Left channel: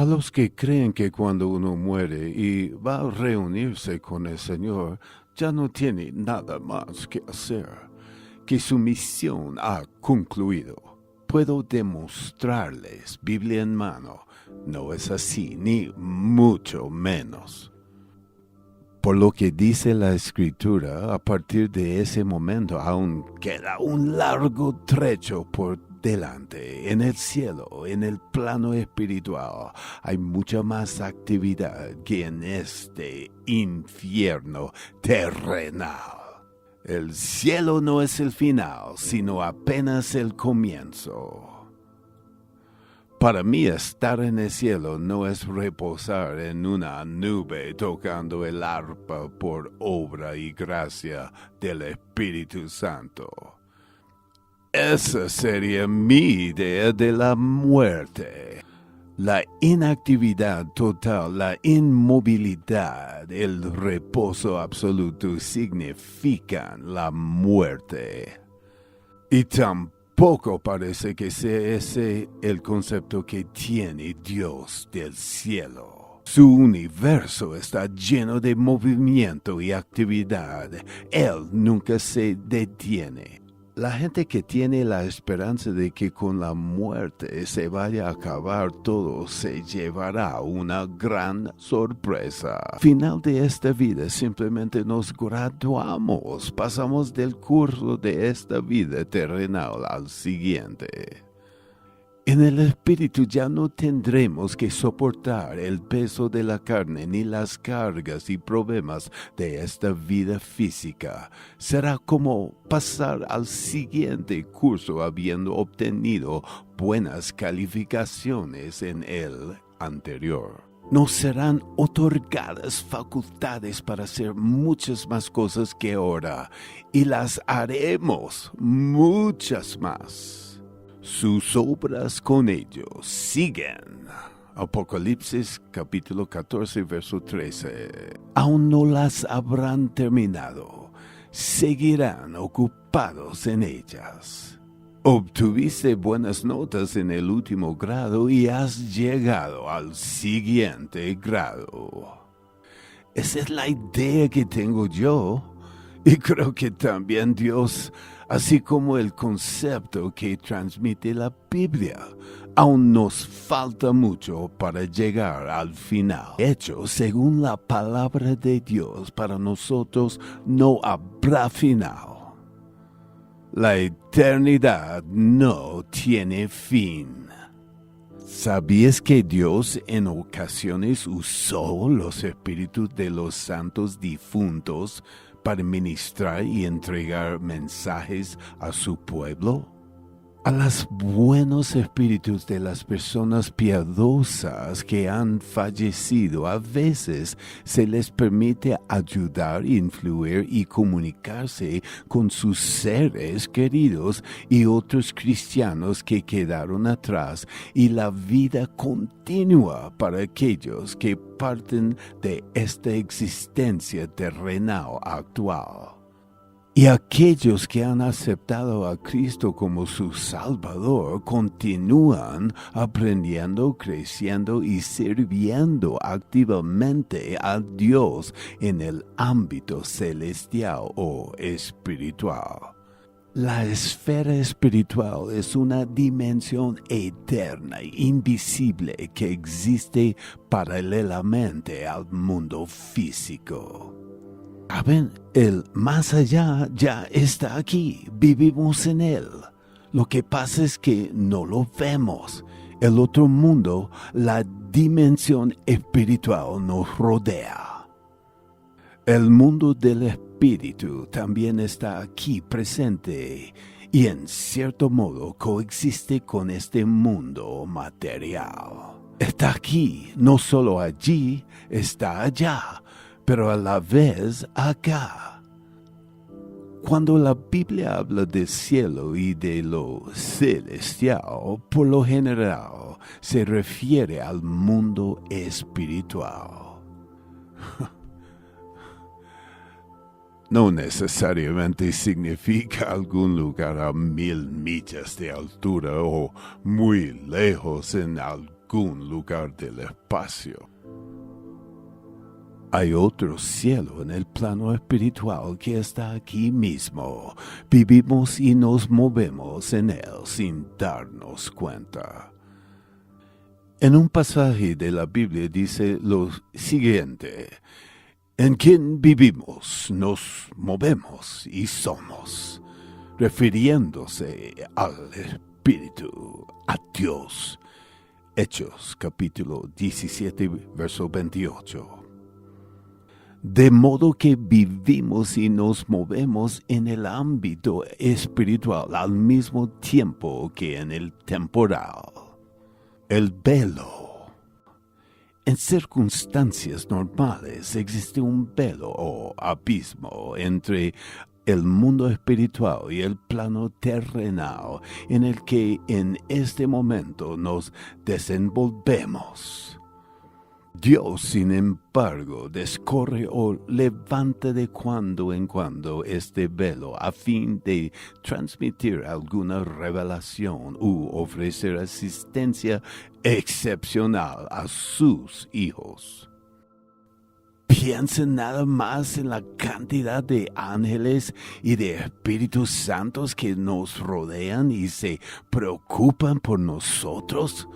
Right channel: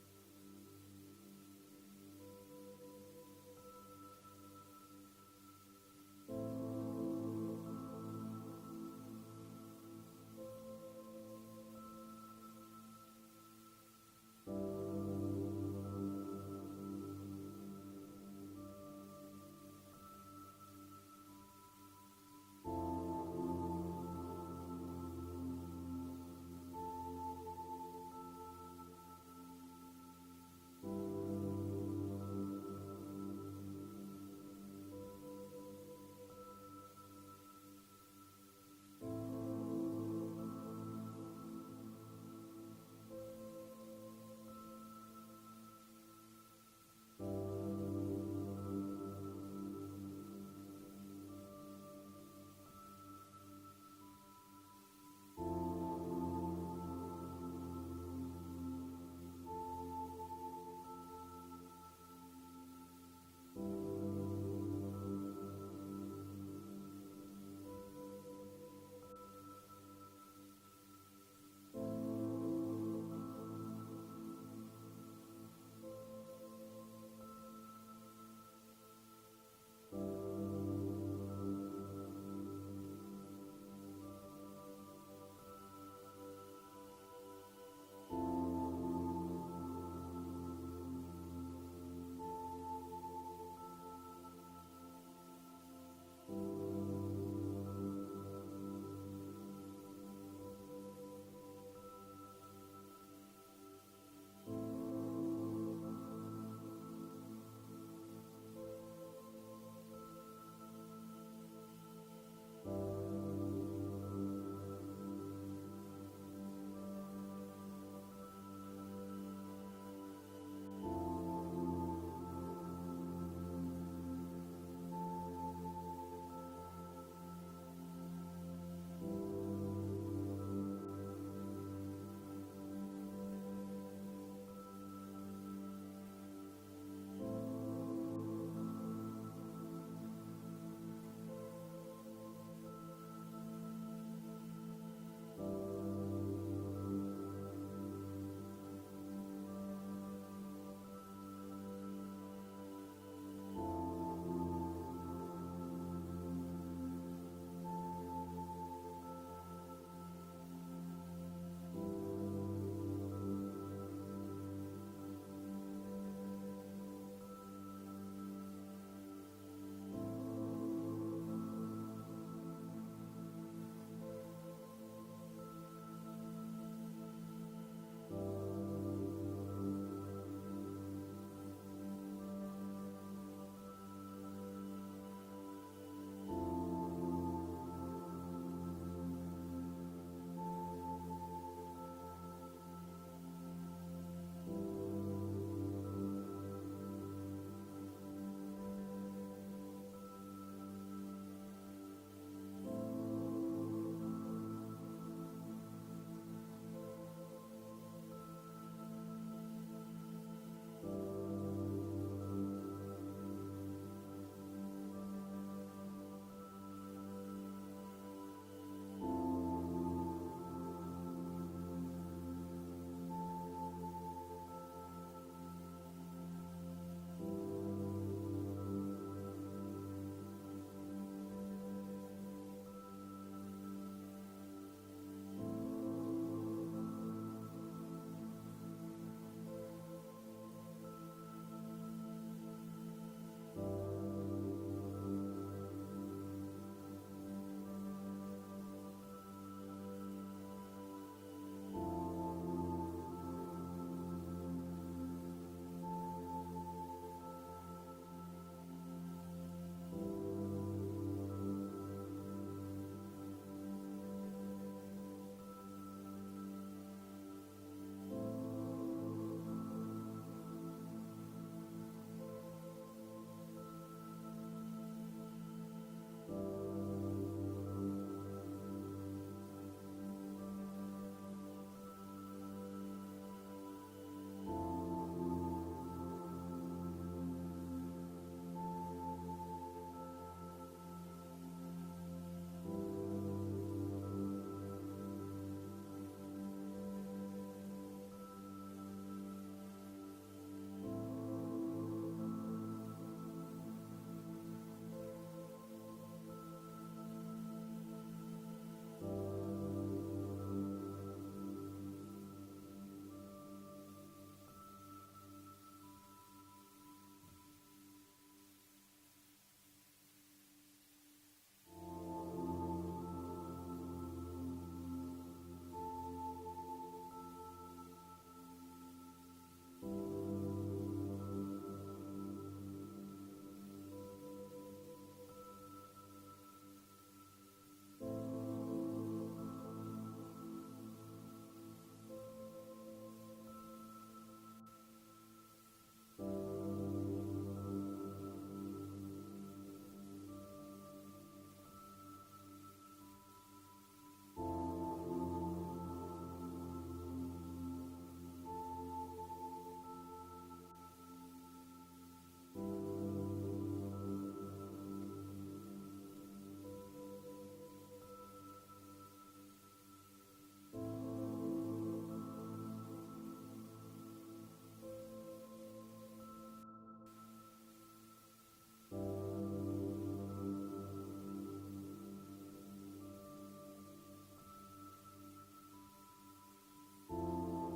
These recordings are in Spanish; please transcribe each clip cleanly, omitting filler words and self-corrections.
A los que creen que cuando uno muere y va a reunirse con el Señor, ya no tiene nada más que hacer, que su misión ha concluido. Puedo demostrarles, Biblia en mano, no es así, ni mucho menos. Por lo que dice la Escritura, a partir de ese momento aún queda un largo trecho por delante. En el cielo, en el plano espiritual, hay mucha más actividad que en este infierno terrenal. El cielo no es el final, sino apenas el comienzo. Para mí estar en el cielo no es reposar en una nube tocando el arpa por obra y gracia del Espíritu Santo. Esa sería mi idea de la muerte. La inactividad total, la inmovilidad, el reposo absoluto significan la muerte. Y tampoco parece que sea ese el concepto que tiene Dios del cielo. Su universo está lleno de movimiento y actividad. Él nunca se detiene. La gente que tiene la esperanza de que con la muerte se vaya a acabar todo se llevará una gran sorpresa. Al final de esta vida simplemente nos graduamos, pasamos del curso de esta vida terrenal al siguiente. En el espíritu ya no tendremos que soportar el peso de la carne ni las cargas y problemas de esta vida física. Será como pasar al siguiente curso habiendo obtenido buenas calificaciones en el anterior. Nos serán otorgadas facultades para hacer muchas más cosas que ahora, y las haremos muchas más. Sus obras con ellos siguen. Apocalipsis capítulo 14, verso 13. Aún no las habrán terminado. Seguirán ocupados en ellas. Obtuviste buenas notas en el último grado y has llegado al siguiente grado. Esa es la idea que tengo yo. Y creo que también Dios, así como el concepto que transmite la Biblia. Aún nos falta mucho para llegar al final. De hecho, según la palabra de Dios, para nosotros no habrá final. La eternidad no tiene fin. ¿Sabías que Dios en ocasiones usó los espíritus de los santos difuntos para ministrar y entregar mensajes a su pueblo? A los buenos espíritus de las personas piadosas que han fallecido, a veces se les permite ayudar, influir y comunicarse con sus seres queridos y otros cristianos que quedaron atrás, y la vida continúa para aquellos que parten de esta existencia terrenal actual. Y aquellos que han aceptado a Cristo como su Salvador continúan aprendiendo, creciendo y sirviendo activamente a Dios en el ámbito celestial o espiritual. La esfera espiritual es una dimensión eterna e invisible que existe paralelamente al mundo físico. ¿Saben? El más allá ya está aquí, vivimos en él. Lo que pasa es que no lo vemos. El otro mundo, la dimensión espiritual, nos rodea. El mundo del espíritu también está aquí presente y en cierto modo coexiste con este mundo material. Está aquí, no solo allí, está allá, pero a la vez acá. Cuando la Biblia habla del cielo y de lo celestial, por lo general se refiere al mundo espiritual. No necesariamente significa algún lugar a 1000 millas de altura o muy lejos en algún algún lugar del espacio. Hay otro cielo en el plano espiritual que está aquí mismo. Vivimos y nos movemos en él sin darnos cuenta. En un pasaje de la Biblia dice lo siguiente: en quien vivimos, nos movemos y somos, refiriéndose al Espíritu, a Dios. Hechos capítulo 17, verso 28. De modo que vivimos y nos movemos en el ámbito espiritual al mismo tiempo que en el temporal. El velo. En circunstancias normales existe un velo o abismo entre el mundo espiritual y el plano terrenal en el que en este momento nos desenvolvemos. Dios, sin embargo, descorre o levanta de cuando en cuando este velo a fin de transmitir alguna revelación u ofrecer asistencia excepcional a sus hijos. Piensen nada más en la cantidad de ángeles y de espíritus santos que nos rodean y se preocupan por nosotros.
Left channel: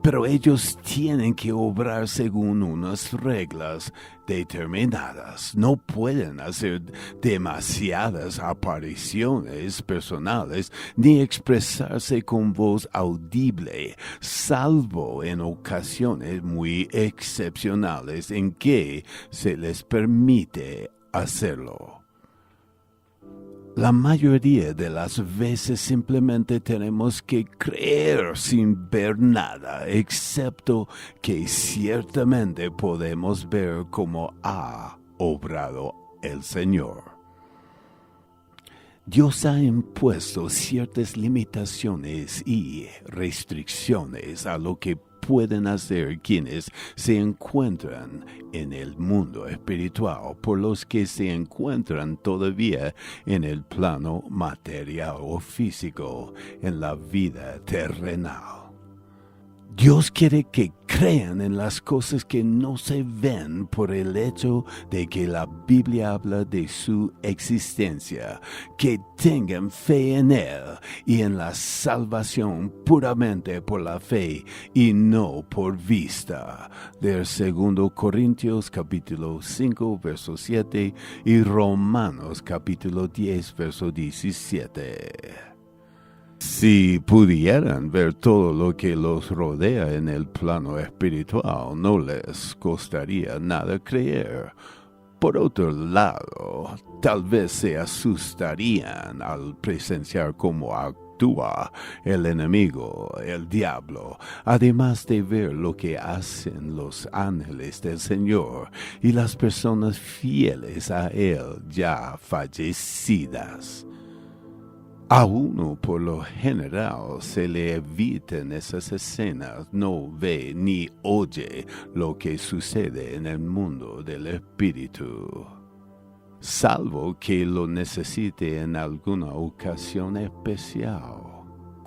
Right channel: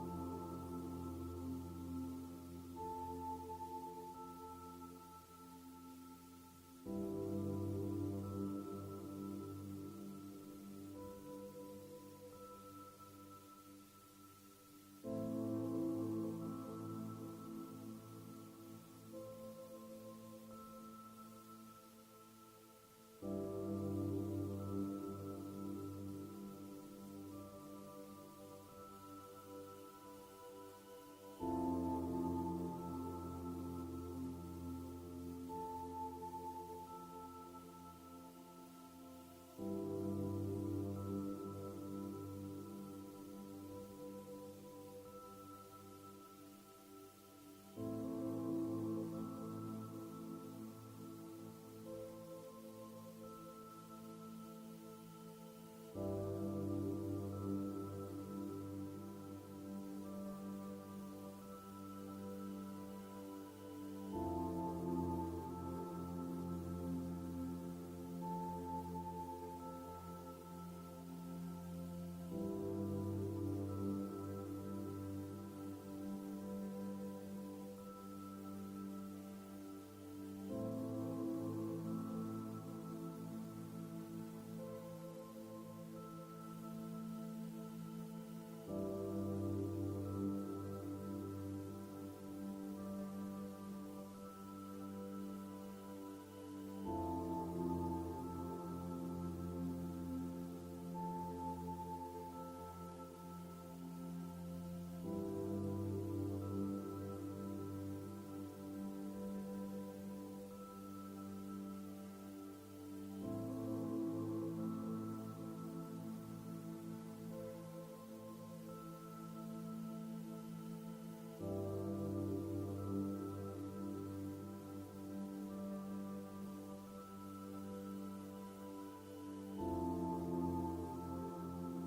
Pero ellos tienen que obrar según unas reglas determinadas. No pueden hacer demasiadas apariciones personales ni expresarse con voz audible, salvo en ocasiones muy excepcionales en que se les permite hacerlo. La mayoría de las veces simplemente tenemos que creer sin ver nada, excepto que ciertamente podemos ver cómo ha obrado el Señor. Dios ha impuesto ciertas limitaciones y restricciones a lo que pueden hacer quienes se encuentran en el mundo espiritual por los que se encuentran todavía en el plano material o físico, en la vida terrenal. Dios quiere que crean en las cosas que no se ven por el hecho de que la Biblia habla de su existencia, que tengan fe en Él y en la salvación puramente por la fe y no por vista. Del 2 Corintios capítulo 5 verso 7 y Romanos capítulo 10 verso 17. Si pudieran ver todo lo que los rodea en el plano espiritual, no les costaría nada creer. Por otro lado, tal vez se asustarían al presenciar cómo actúa el enemigo, el diablo, además de ver lo que hacen los ángeles del Señor y las personas fieles a Él ya fallecidas. A uno por lo general se le evitan esas escenas, no ve ni oye lo que sucede en el mundo del espíritu, salvo que lo necesite en alguna ocasión especial,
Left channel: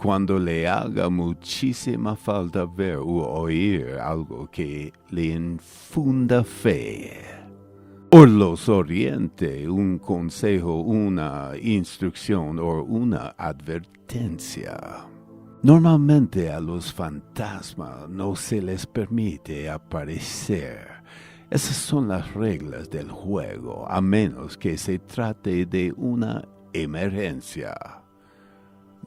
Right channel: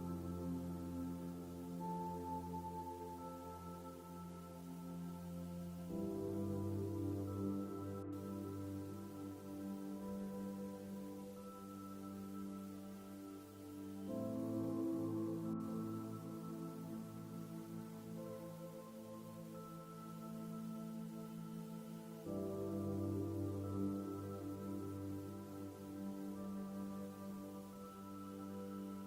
cuando le haga muchísima falta ver u oír algo que le infunda fe. O los oriente un consejo, una instrucción o una advertencia. Normalmente a los fantasmas no se les permite aparecer. Esas son las reglas del juego, a menos que se trate de una emergencia.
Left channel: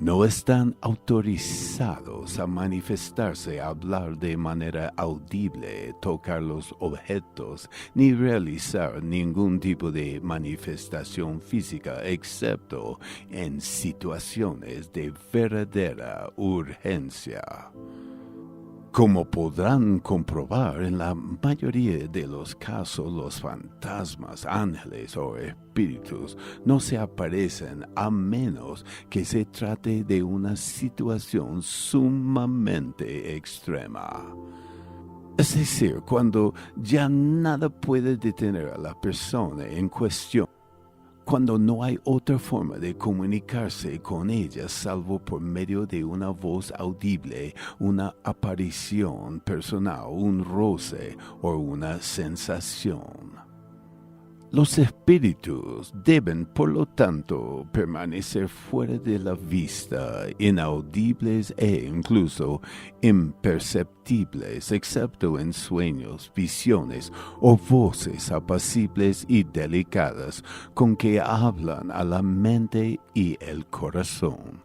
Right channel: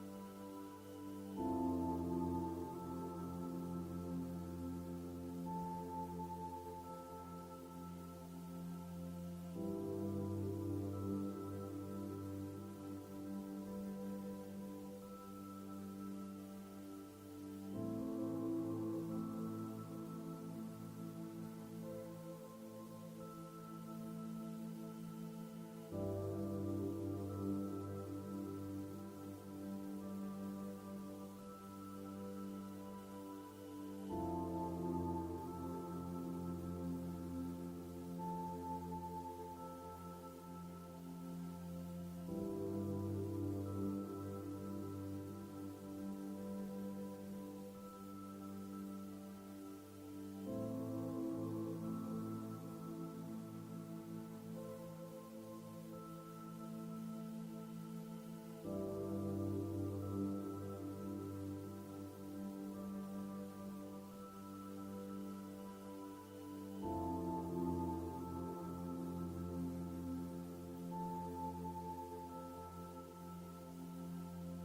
No están autorizados a manifestarse, a hablar de manera audible, tocar los objetos, ni realizar ningún tipo de manifestación física, excepto en situaciones de verdadera urgencia. Como podrán comprobar, en la mayoría de los casos los fantasmas, ángeles o espíritus no se aparecen a menos que se trate de una situación sumamente extrema. Es decir, cuando ya nada puede detener a la persona en cuestión. cuando no hay otra forma de comunicarse con ella salvo por medio de una voz audible, una aparición personal, un roce o una sensación. Los espíritus deben, por lo tanto, permanecer fuera de la vista, inaudibles e incluso imperceptibles, excepto en sueños, visiones o voces apacibles y delicadas con que hablan a la mente y el corazón.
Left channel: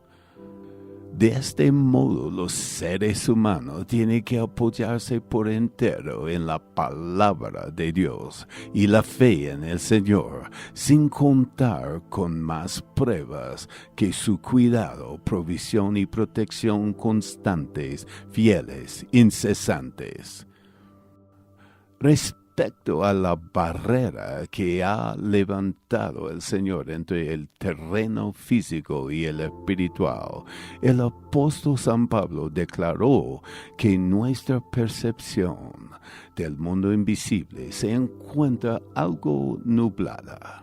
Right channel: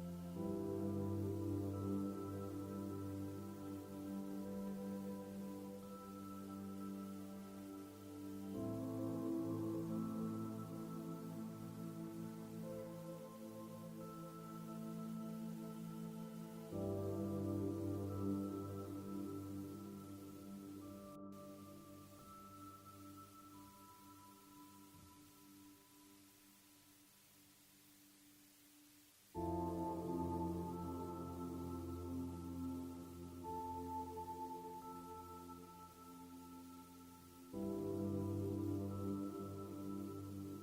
De este modo, los seres humanos tienen que apoyarse por entero en la palabra de Dios y la fe en el Señor, sin contar con más pruebas que su cuidado, provisión y protección constantes, fieles, incesantes. Respecto a la barrera que ha levantado el Señor entre el terreno físico y el espiritual, el apóstol San Pablo declaró que nuestra percepción del mundo invisible se encuentra algo nublada.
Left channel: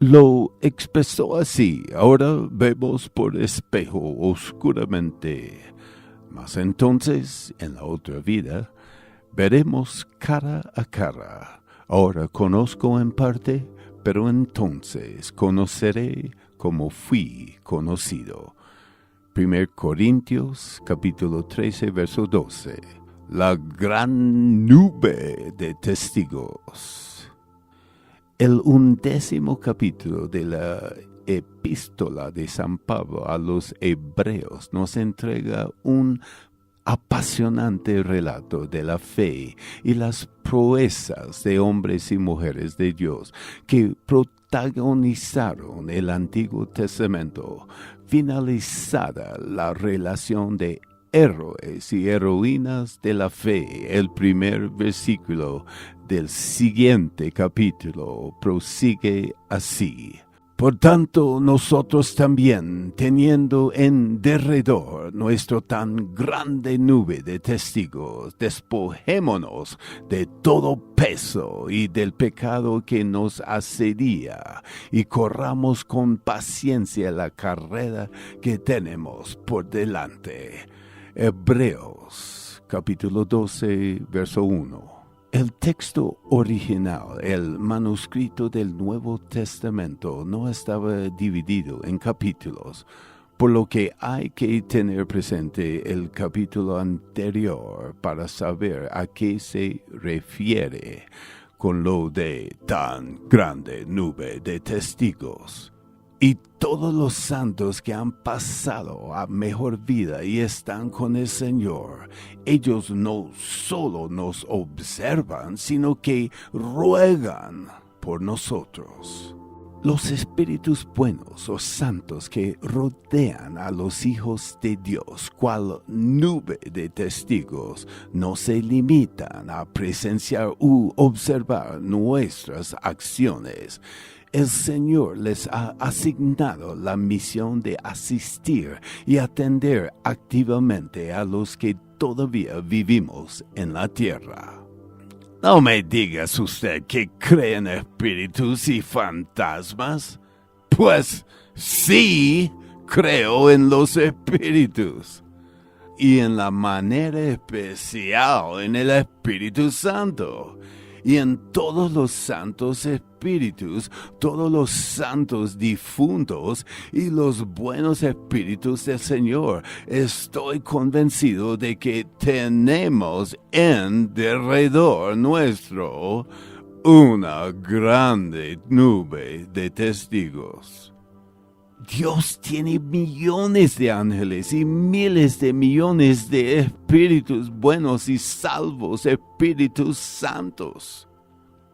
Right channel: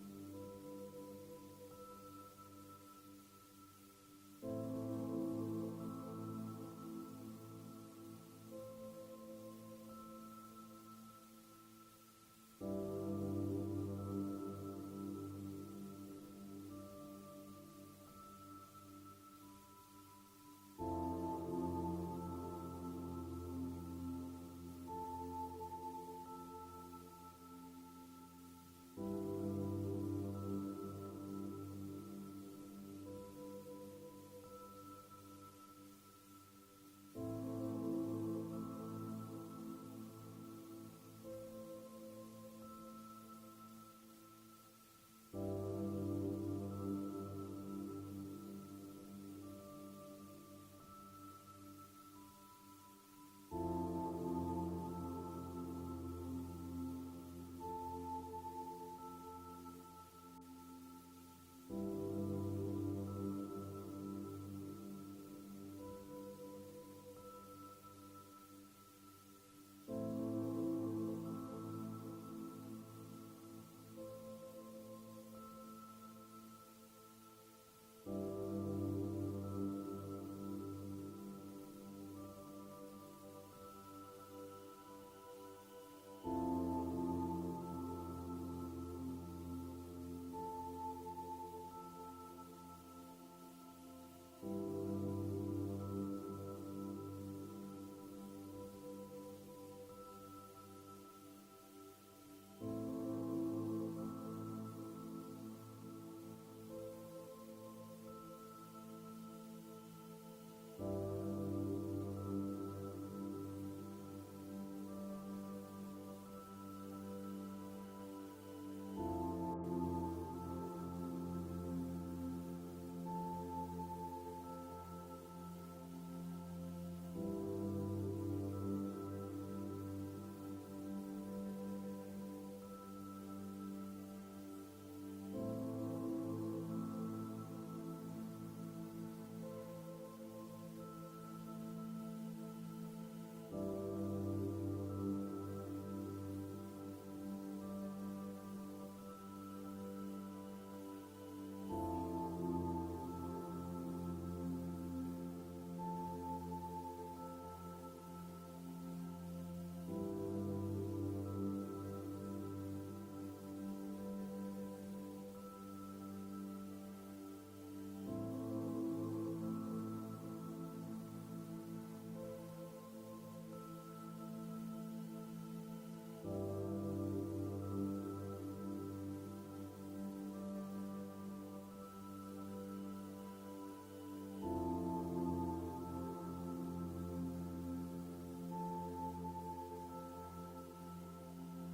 Lo expresó así: ahora vemos por espejo oscuramente, mas entonces, en la otra vida, veremos cara a cara. Ahora conozco en parte, pero entonces conoceré como fui conocido. 1 Corintios capítulo 13, verso 12. La gran nube de testigos. El 11º capítulo de la epístola de San Pablo a los Hebreos nos entrega un apasionante relato de la fe y las proezas de hombres y mujeres de Dios que protagonizaron el Antiguo Testamento, finalizada la relación de héroes y heroínas de la fe. El primer versículo del siguiente capítulo prosigue así: por tanto, nosotros también, teniendo en derredor nuestro tan grande nube de testigos, despojémonos de todo peso y del pecado que nos asedia, y corramos con paciencia la carrera que tenemos por delante. Hebreos, capítulo 12, verso 1. El texto original, el manuscrito del Nuevo Testamento, no estaba dividido en capítulos, por lo que hay que tener presente el capítulo anterior para saber a qué se refiere con lo de tan grande nube de testigos. Y todos los santos que han pasado a mejor vida y están con el Señor, ellos no solo nos observan, sino que ruegan por nosotros. Los espíritus buenos o santos que rodean a los hijos de Dios, cual nube de testigos, no se limitan a presenciar u observar nuestras acciones. El Señor les ha asignado la misión de asistir y atender activamente a los que todavía vivimos en la tierra. No me digas usted que cree en espíritus y fantasmas. Pues sí, creo en los espíritus. Y en la manera especial en el Espíritu Santo. Y en todos los santos espíritus, todos los santos difuntos y los buenos espíritus del Señor. Estoy convencido de que tenemos en derredor nuestro una grande nube de testigos. Dios tiene millones de ángeles y miles de millones de espíritus buenos y salvos, espíritus santos.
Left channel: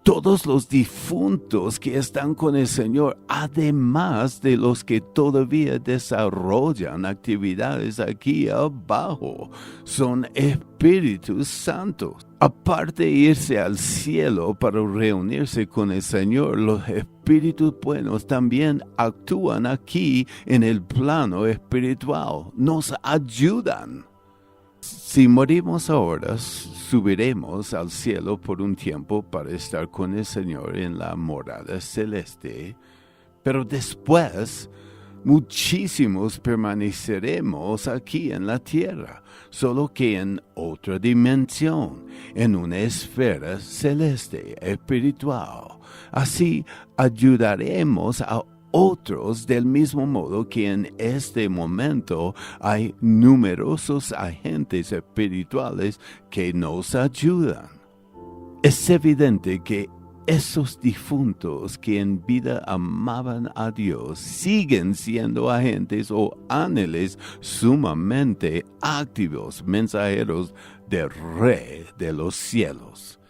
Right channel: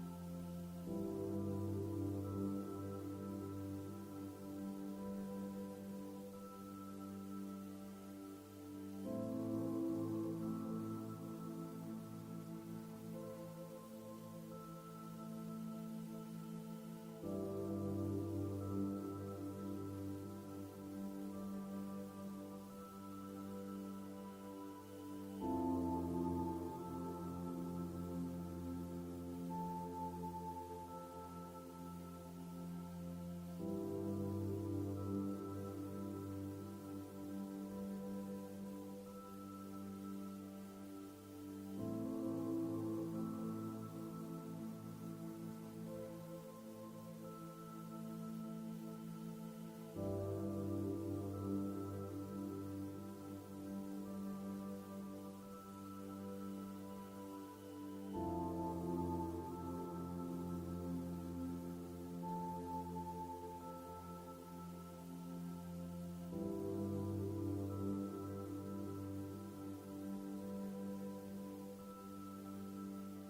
Todos los difuntos que están con el Señor, además de los que todavía desarrollan actividades aquí abajo, son espíritus santos. Aparte de irse al cielo para reunirse con el Señor, los espíritus buenos también actúan aquí en el plano espiritual, nos ayudan. Si morimos ahora, subiremos al cielo por un tiempo para estar con el Señor en la morada celeste, pero después muchísimos permaneceremos aquí en la tierra, solo que en otra dimensión, en una esfera celeste, espiritual. Así ayudaremos a otros del mismo modo que en este momento hay numerosos agentes espirituales que nos ayudan. Es evidente que esos difuntos que en vida amaban a Dios siguen siendo agentes o ángeles sumamente activos, mensajeros del Rey de los cielos.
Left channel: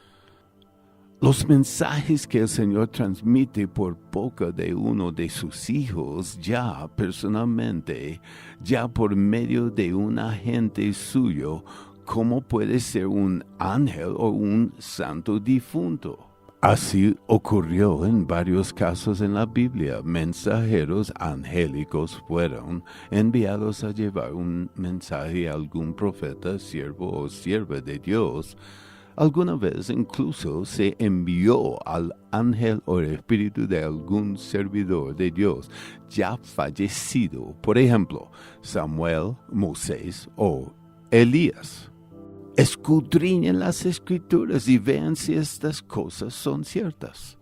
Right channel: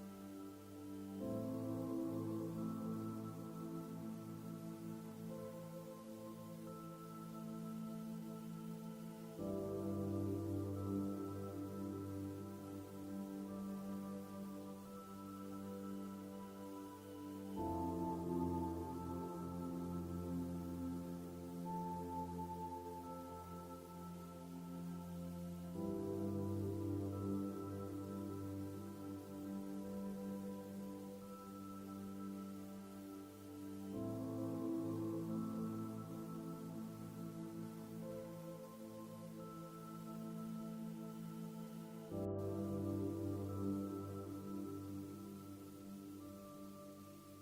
Los mensajes que el Señor transmite por boca de uno de sus hijos ya personalmente, ya por medio de un agente suyo, ¿cómo puede ser un ángel o un santo difunto? Así ocurrió en varios casos en la Biblia. Mensajeros angélicos fueron enviados a llevar un mensaje a algún profeta, siervo o sierva de Dios. Alguna vez incluso se envió al ángel o el espíritu de algún servidor de Dios ya fallecido, por ejemplo, Samuel, Moisés o Elías. Escudriñen las Escrituras y vean si estas cosas son ciertas.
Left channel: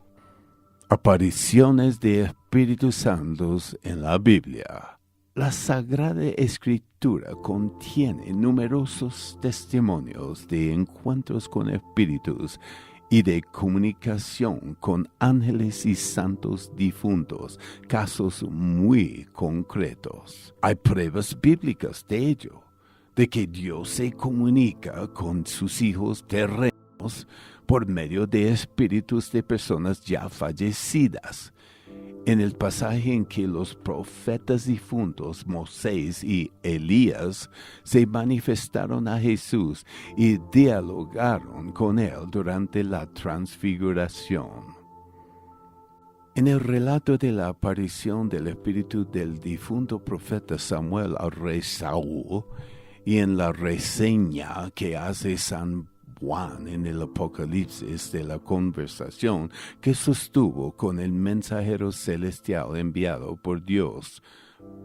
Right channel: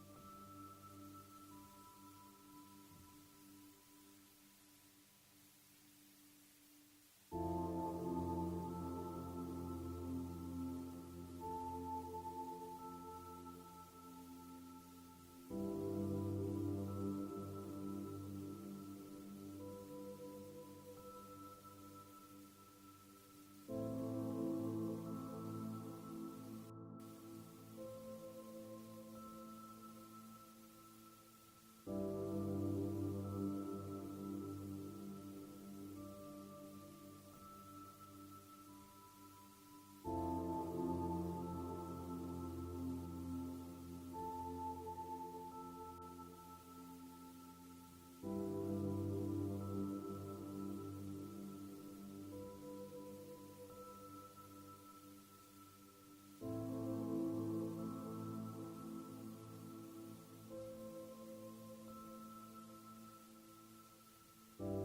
Apariciones de Espíritus Santos en la Biblia. La Sagrada Escritura contiene numerosos testimonios de encuentros con espíritus y de comunicación con ángeles y santos difuntos, casos muy concretos. Hay pruebas bíblicas de ello, de que Dios se comunica con sus hijos terrenos por medio de espíritus de personas ya fallecidas. En el pasaje en que los profetas difuntos Moisés y Elías se manifestaron a Jesús y dialogaron con él durante la transfiguración. En el relato de la aparición del espíritu del difunto profeta Samuel al rey Saúl y en la reseña que hace San Juan en el Apocalipsis de la conversación que sostuvo con el mensajero celestial enviado por Dios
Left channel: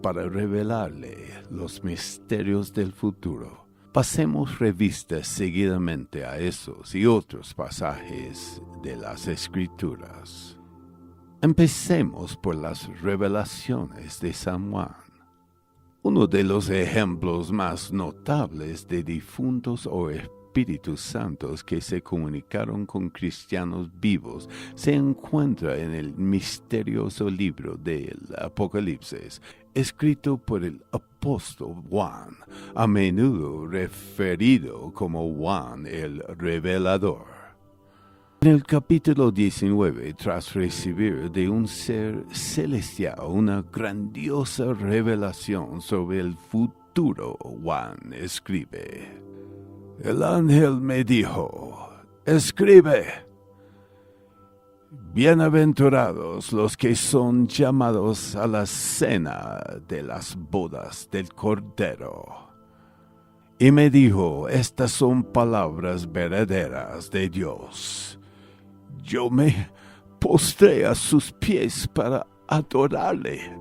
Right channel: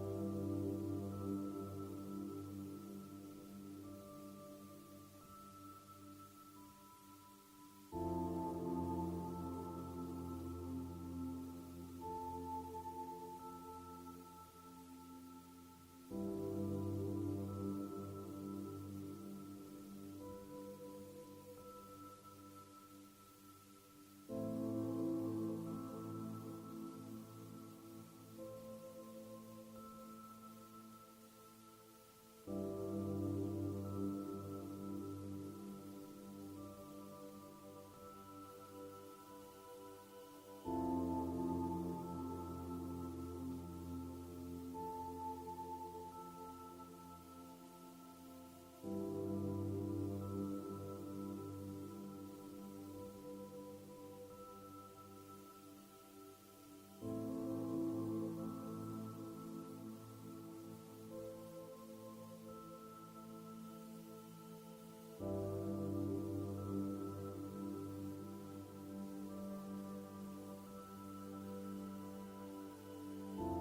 para revelarle los misterios del futuro. Pasemos revista seguidamente a esos y otros pasajes de las Escrituras. Empecemos por las revelaciones de San Juan. Uno de los ejemplos más notables de difuntos o Espíritus Santos que se comunicaron con cristianos vivos se encuentra en el misterioso libro del Apocalipsis, escrito por el apóstol Juan, a menudo referido como Juan el Revelador. En el capítulo 19, tras recibir de un ser celestial una grandiosa revelación sobre el futuro, Juan escribe: El ángel me dijo, escribe, bienaventurados los que son llamados a la cena de las bodas del Cordero. Y me dijo, estas son palabras verdaderas de Dios. Yo me postré a sus pies para adorarle.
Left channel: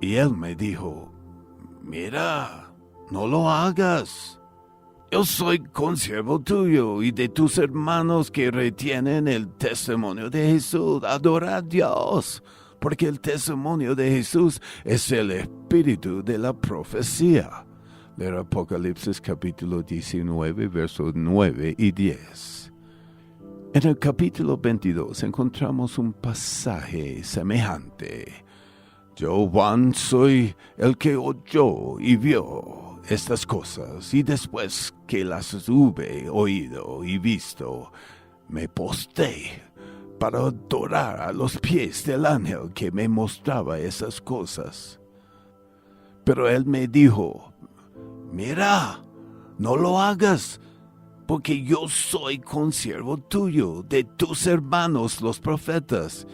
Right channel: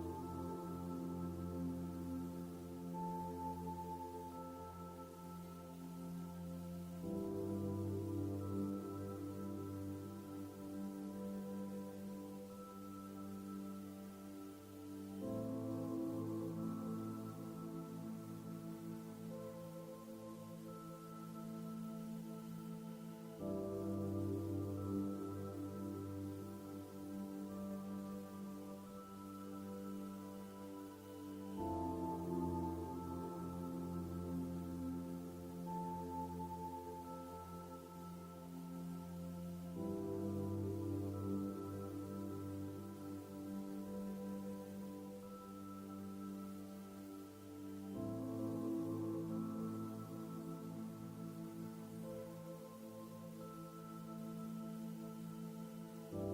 Y él me dijo, mira, no lo hagas. Yo soy consiervo tuyo y de tus hermanos que retienen el testimonio de Jesús. Adora a Dios, porque el testimonio de Jesús es el espíritu de la profecía. Leer Apocalipsis capítulo 19, versos 9 y 10. En el capítulo 22 encontramos un pasaje semejante. Yo, Juan, soy el que oyó y vio estas cosas, y después que las hube oído y visto, me postré para adorar a los pies del ángel que me mostraba esas cosas. Pero él me dijo, mira, no lo hagas, porque yo soy consiervo tuyo, de tus hermanos los profetas,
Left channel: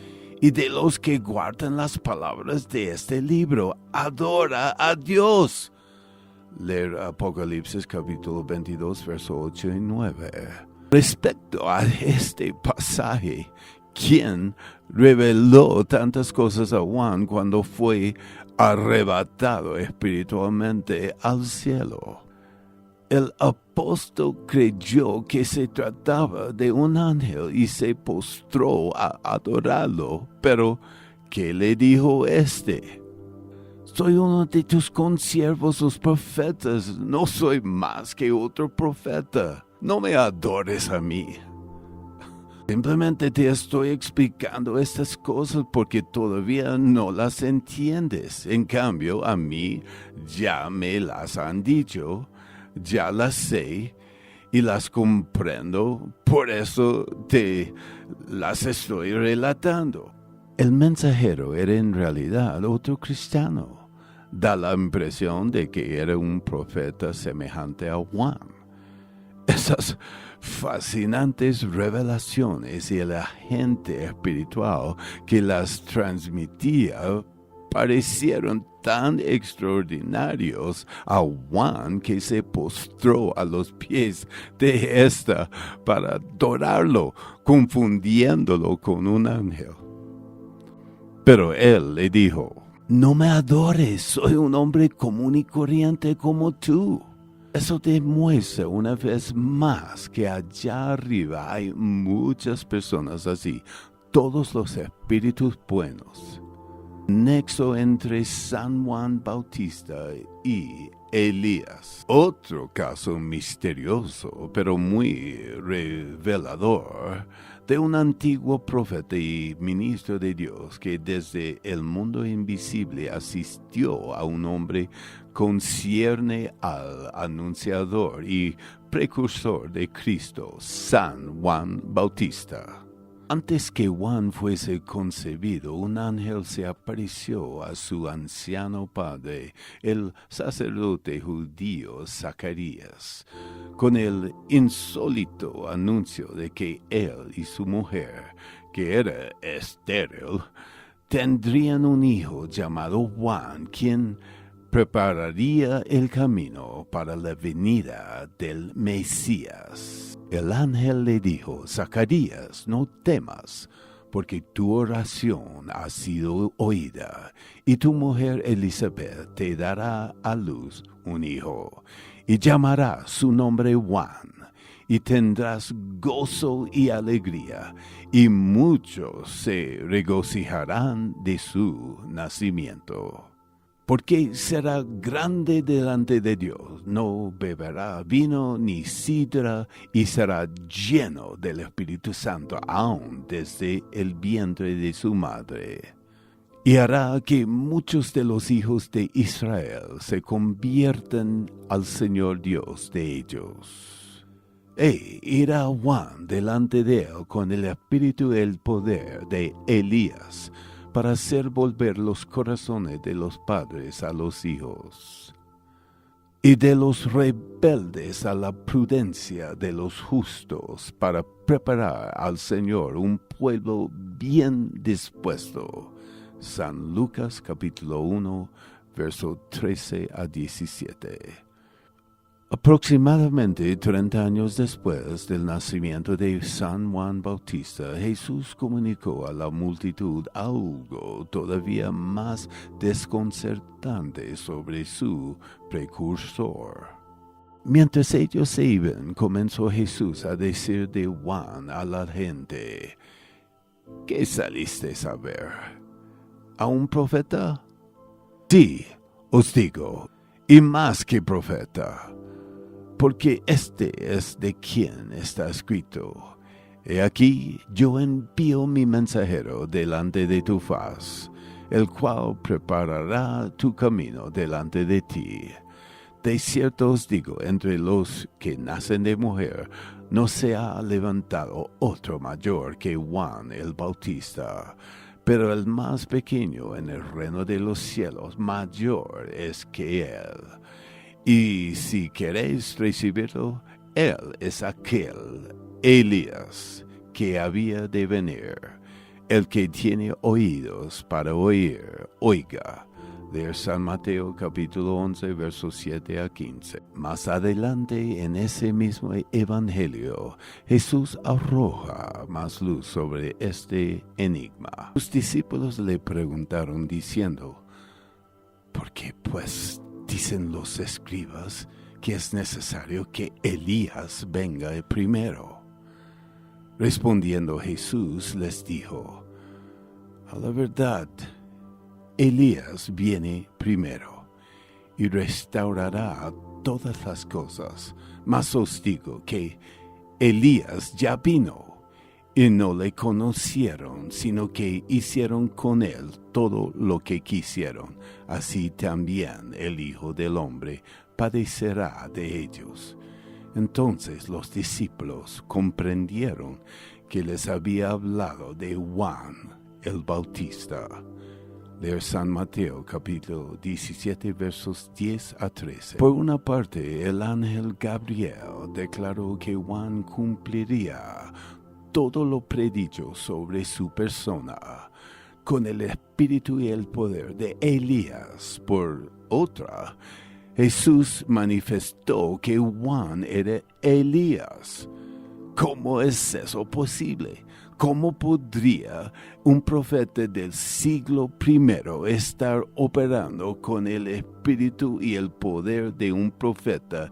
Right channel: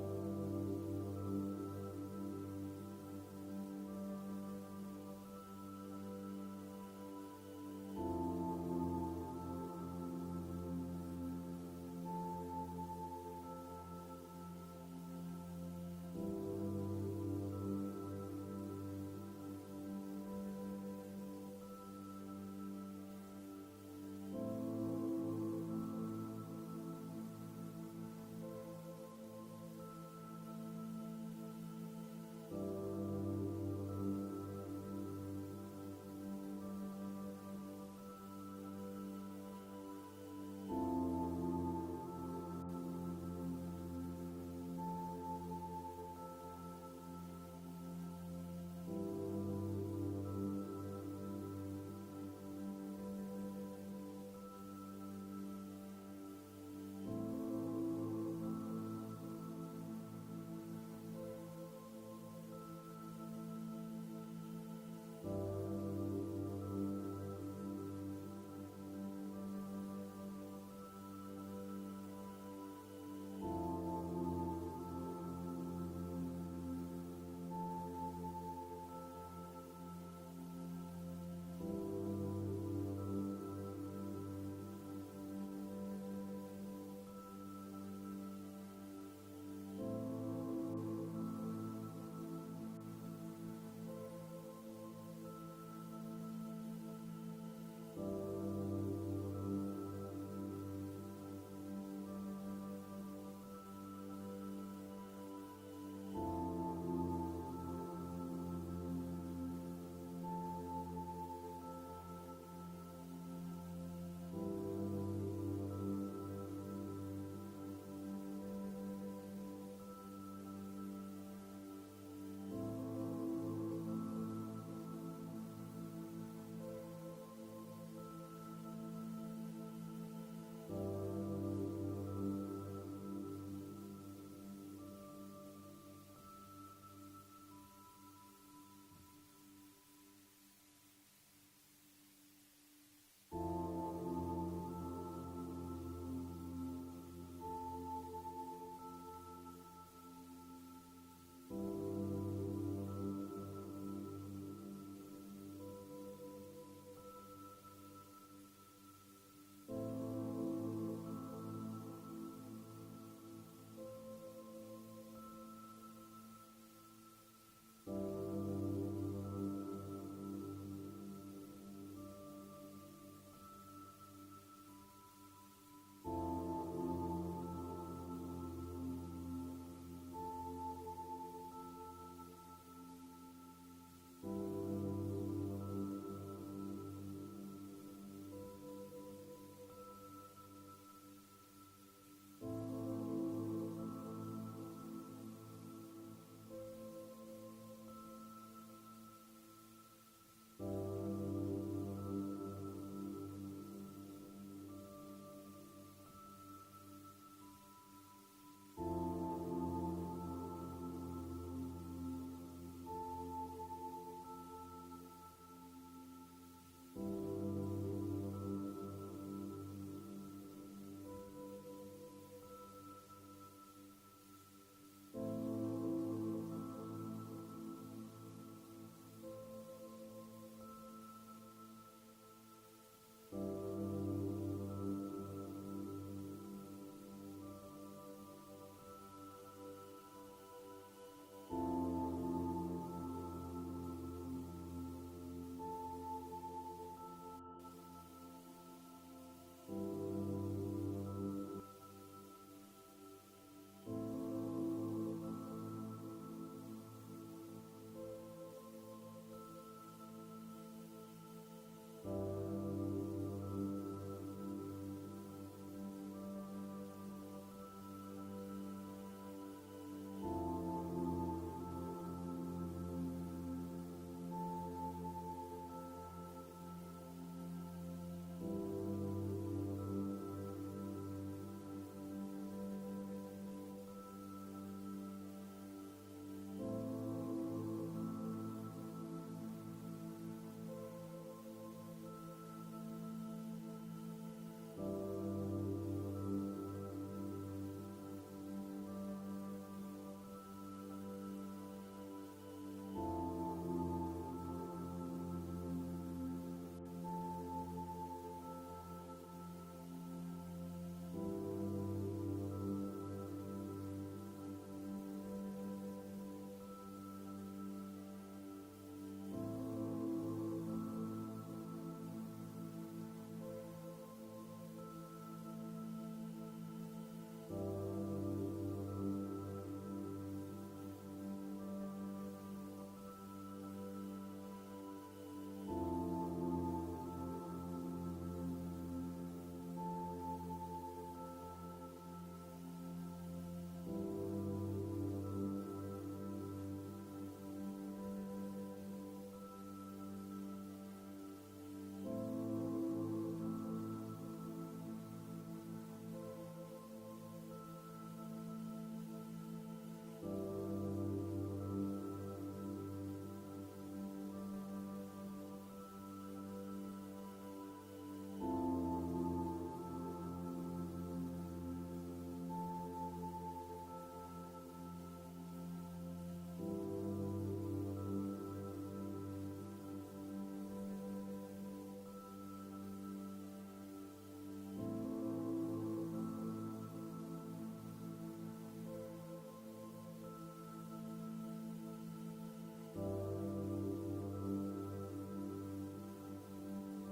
y de los que guardan las palabras de este libro. Adora a Dios. Leer Apocalipsis capítulo 22, verso 8 y 9. Respecto a este pasaje, ¿Quién reveló tantas cosas a Juan cuando fue arrebatado espiritualmente al cielo? El apóstol creyó que se trataba de un ángel y se postró a adorarlo, pero ¿qué le dijo este? Soy uno de tus consiervos los profetas, no soy más que otro profeta. No me adores a mí. Simplemente te estoy explicando estas cosas porque todavía no las entiendes. En cambio, a mí ya me las han dicho, ya las sé y las comprendo, por eso te las estoy relatando. El mensajero era en realidad otro cristiano. Da la impresión de que era un profeta semejante a Juan. Esas fascinantes revelaciones y el agente espiritual que las transmitía parecieron tan extraordinarios a Juan que se postró a los pies de ésta para adorarlo, confundiéndolo con un ángel. Pero él le dijo: no me adores, soy un hombre común y corriente como tú. Eso demuestra una vez más que allá arriba hay muchas personas así, todos los espíritus buenos. Nexo entre San Juan Bautista y Elías. Otro caso misterioso, pero muy revelador, de un antiguo profeta y ministro de Dios que desde el mundo invisible asistió a un hombre concierne al anunciador y precursor de Cristo, San Juan Bautista. Antes que Juan fuese concebido, un ángel se apareció a su anciano padre, el sacerdote judío Zacarías, con el insólito anuncio de que él y su mujer, que era estéril, tendrían un hijo llamado Juan, quien prepararía el camino para la venida del Mesías. El ángel le dijo: Zacarías, no temas, porque tu oración ha sido oída, y tu mujer Elizabeth te dará a luz un hijo, y llamará su nombre Juan, y tendrás gozo y alegría, y muchos se regocijarán de su nacimiento. Porque será grande delante de Dios, no beberá vino ni sidra, y será lleno del Espíritu Santo aún desde el vientre de su madre. Y hará que muchos de los hijos de Israel se conviertan al Señor Dios de ellos. E irá Juan delante de él con el espíritu y el poder de Elías, para hacer volver los corazones de los padres a los hijos, y de los rebeldes a la prudencia de los justos, para preparar al Señor un pueblo bien dispuesto. San Lucas capítulo 1, verso 13 a 17. Aproximadamente 30 años después del nacimiento de San Juan Bautista, Jesús comunicó a la multitud algo todavía más desconcertante sobre su precursor. Mientras ellos se iban, comenzó Jesús a decir de Juan a la gente: ¿qué saliste a ver? ¿A un profeta? Sí, os digo, y más que profeta. Porque este es de quien está escrito: he aquí, yo envío mi mensajero delante de tu faz, el cual preparará tu camino delante de ti. De cierto os digo, entre los que nacen de mujer, no se ha levantado otro mayor que Juan el Bautista, pero el más pequeño en el reino de los cielos mayor es que él. Y si queréis recibirlo, él es aquel Elías que había de venir. El que tiene oídos para oír, oiga de San Mateo capítulo 11, versos 7 a 15. Más adelante en ese mismo evangelio, Jesús arroja más luz sobre este enigma. Los discípulos le preguntaron diciendo, ¿por qué pues dicen los escribas que es necesario que Elías venga primero? Respondiendo Jesús les dijo, a la verdad, Elías viene primero y restaurará todas las cosas. Mas os digo que Elías ya vino y no le conocieron, sino que hicieron con él todo lo que quisieron. Así también el Hijo del Hombre padecerá de ellos. Entonces los discípulos comprendieron que les había hablado de Juan el Bautista. De San Mateo capítulo 17 versos 10 a 13. Por una parte, el ángel Gabriel declaró que Juan cumpliría todo lo predicho sobre su persona con el espíritu y el poder de Elías. Por otra, Jesús manifestó que Juan era Elías. ¿Cómo es eso posible? ¿Cómo podría un profeta del siglo I estar operando con el espíritu y el poder de un profeta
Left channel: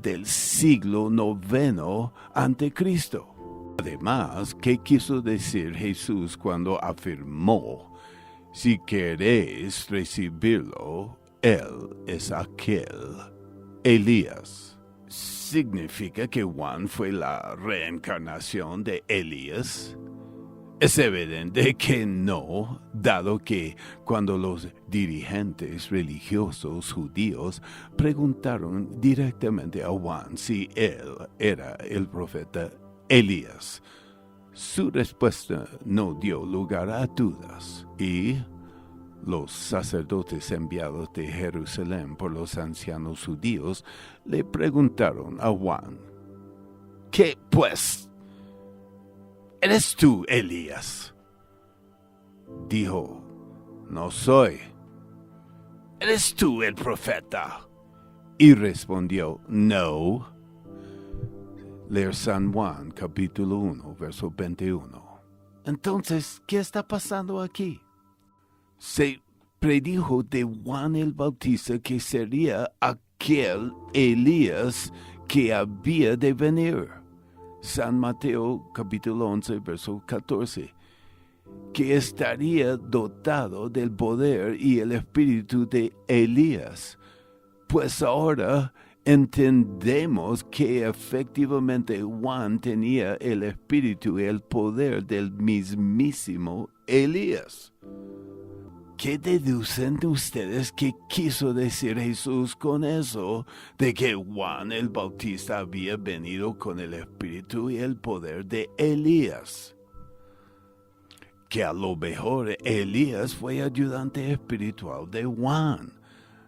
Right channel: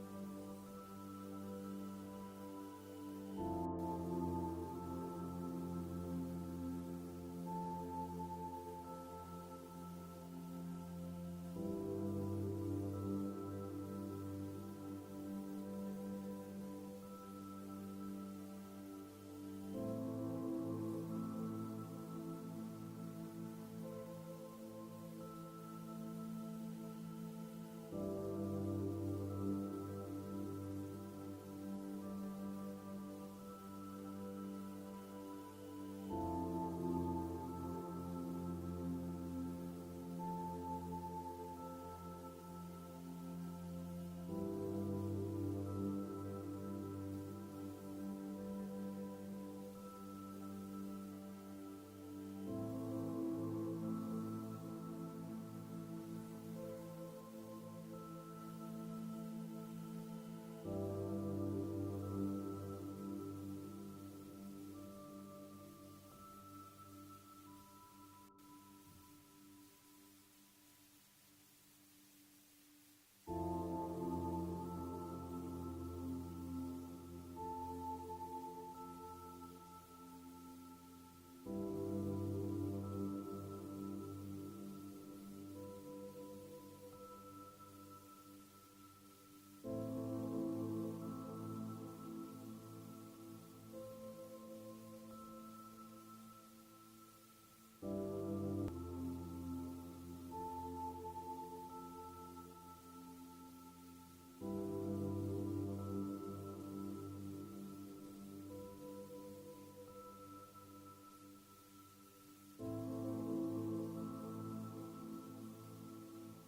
del siglo IX ante Cristo? Además, ¿qué quiso decir Jesús cuando afirmó, si queréis recibirlo, Él es aquel Elías? ¿Significa que Juan fue la reencarnación de Elías? Es evidente que no, dado que cuando los dirigentes religiosos judíos preguntaron directamente a Juan si él era el profeta Elías, su respuesta no dio lugar a dudas y los sacerdotes enviados de Jerusalén por los ancianos judíos le preguntaron a Juan, ¿qué pues? ¿Eres tú Elías? Dijo, no soy. ¿Eres tú el profeta? Y respondió, no. Leer San Juan capítulo 1, verso 21. Entonces, ¿qué está pasando aquí? Se predijo de Juan el Bautista que sería aquel Elías que había de venir. San Mateo capítulo 11, verso 14. Que estaría dotado del poder y el espíritu de Elías. Pues ahora entendemos que efectivamente Juan tenía el espíritu y el poder del mismísimo Elías. ¿Qué deducen ustedes que quiso decir Jesús con eso? De que Juan el Bautista había venido con el espíritu y el poder de Elías. Que a lo mejor Elías fue ayudante espiritual de Juan.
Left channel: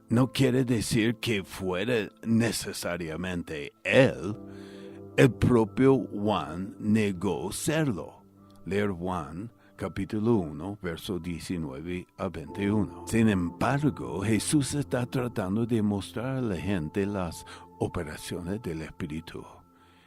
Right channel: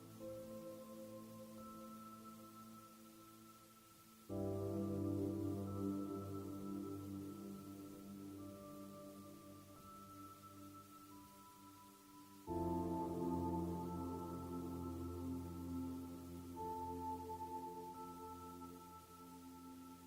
No quiere decir que fuera necesariamente él. El propio Juan negó serlo. Leer Juan capítulo 1, verso 19 a 21. Sin embargo, Jesús está tratando de mostrar a la gente las operaciones del Espíritu.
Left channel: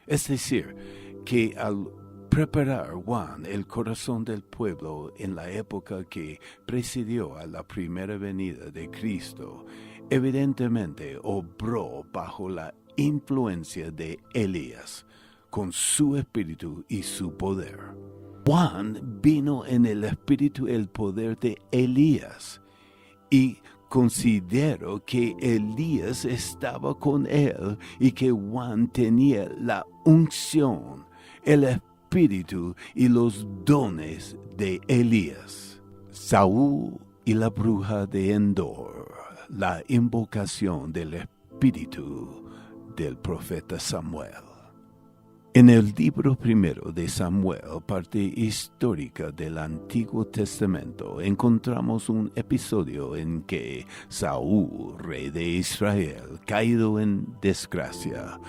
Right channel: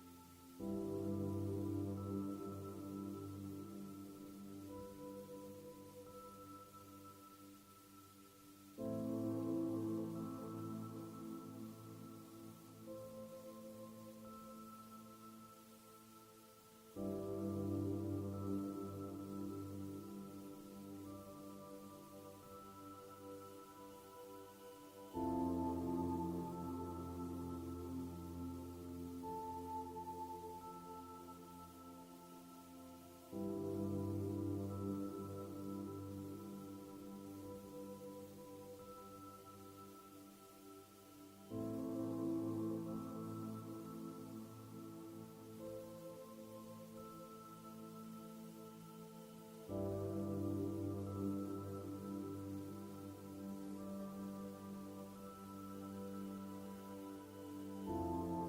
Es decir, que al preparar Juan el corazón del pueblo en la época que precedió a la primera venida de Cristo, evidentemente obró bajo la influencia de Elías, con su espíritu y su poder. Juan vino en el espíritu y el poder de Elías, y considero que Elías estaba con él y que Juan tenía la unción, el espíritu y los dones de Elías. Saúl y la bruja de Endor, la invocación del espíritu del profeta Samuel. En el libro primero de Samuel, parte histórica del Antiguo Testamento, encontramos un episodio en que Saúl, rey de Israel, caído en desgracia,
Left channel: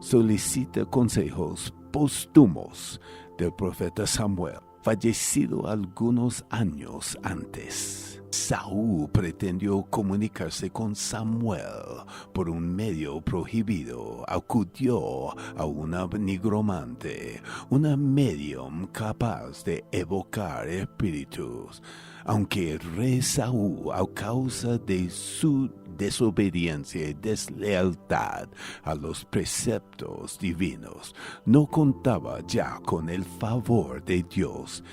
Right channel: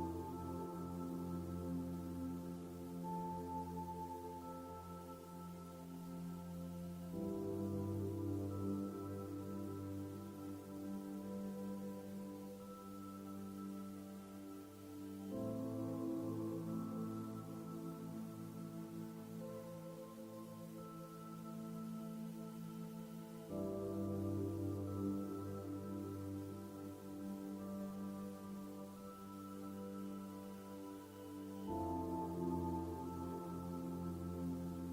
solicita consejos póstumos del profeta Samuel. fallecido algunos años antes. Saúl pretendió comunicarse con Samuel por un medio prohibido. Acudió a una nigromante, una medium capaz de evocar espíritus. Aunque el rey Saúl, a causa de su desobediencia y deslealtad a los preceptos divinos, no contaba ya con el favor de Dios,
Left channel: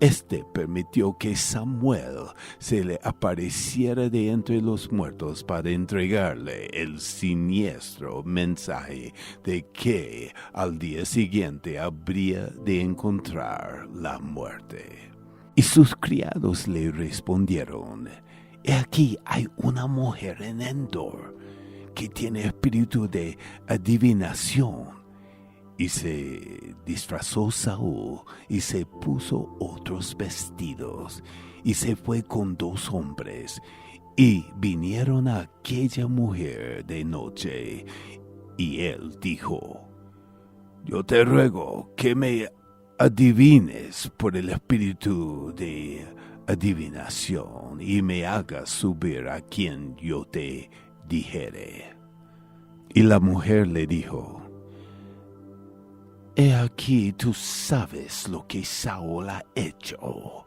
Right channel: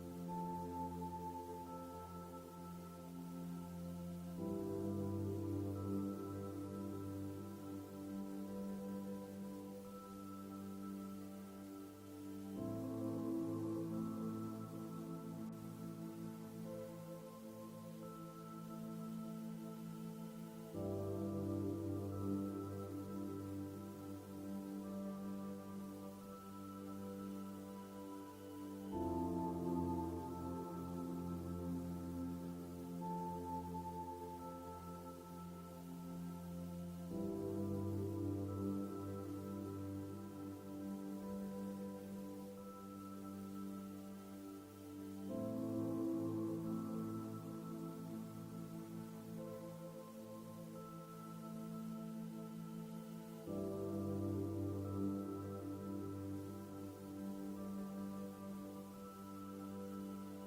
este permitió que Samuel se le apareciera de entre los muertos para entregarle el siniestro mensaje de que al día siguiente habría de encontrar la muerte. Y sus criados le respondieron: He aquí hay una mujer en Endor que tiene espíritu de adivinación. Y se disfrazó Saúl y se puso otros vestidos y se fue con 2 hombres y vinieron a aquella mujer de noche. Y él dijo: Yo te ruego que me adivines por el espíritu de adivinación y me hagas subir a quien yo te dijere. Y la mujer le dijo: He aquí tú sabes lo que Saúl ha hecho,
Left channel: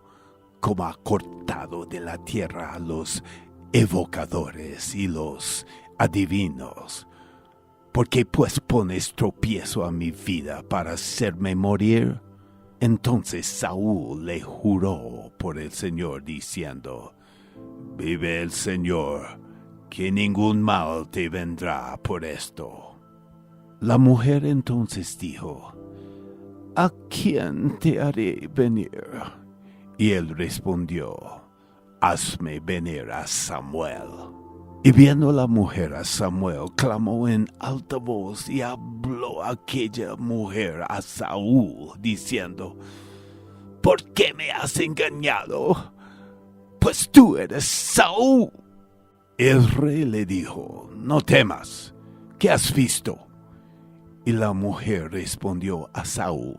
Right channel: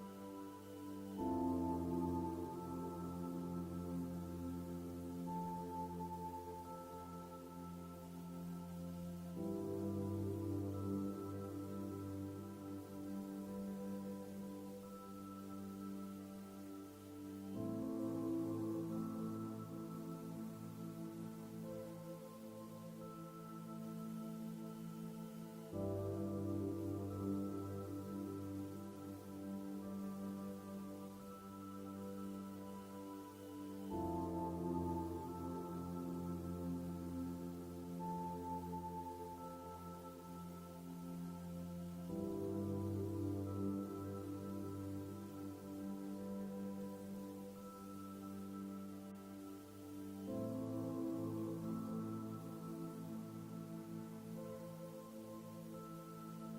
como ha cortado de la tierra a los evocadores y los adivinos. ¿Por qué pues pones tropiezo a mi vida para hacerme morir? Entonces Saúl le juró por el Señor diciendo: Vive el Señor, que ningún mal te vendrá por esto. La mujer entonces dijo: ¿A quién te haré venir? Y él respondió: Hazme venir a Samuel. Y viendo la mujer a Samuel, clamó en alta voz y habló aquella mujer a Saúl, diciendo: ¿Por qué me has engañado? Pues tú eres Saúl. El rey le dijo: No temas, ¿qué has visto? Y la mujer respondió a Saúl:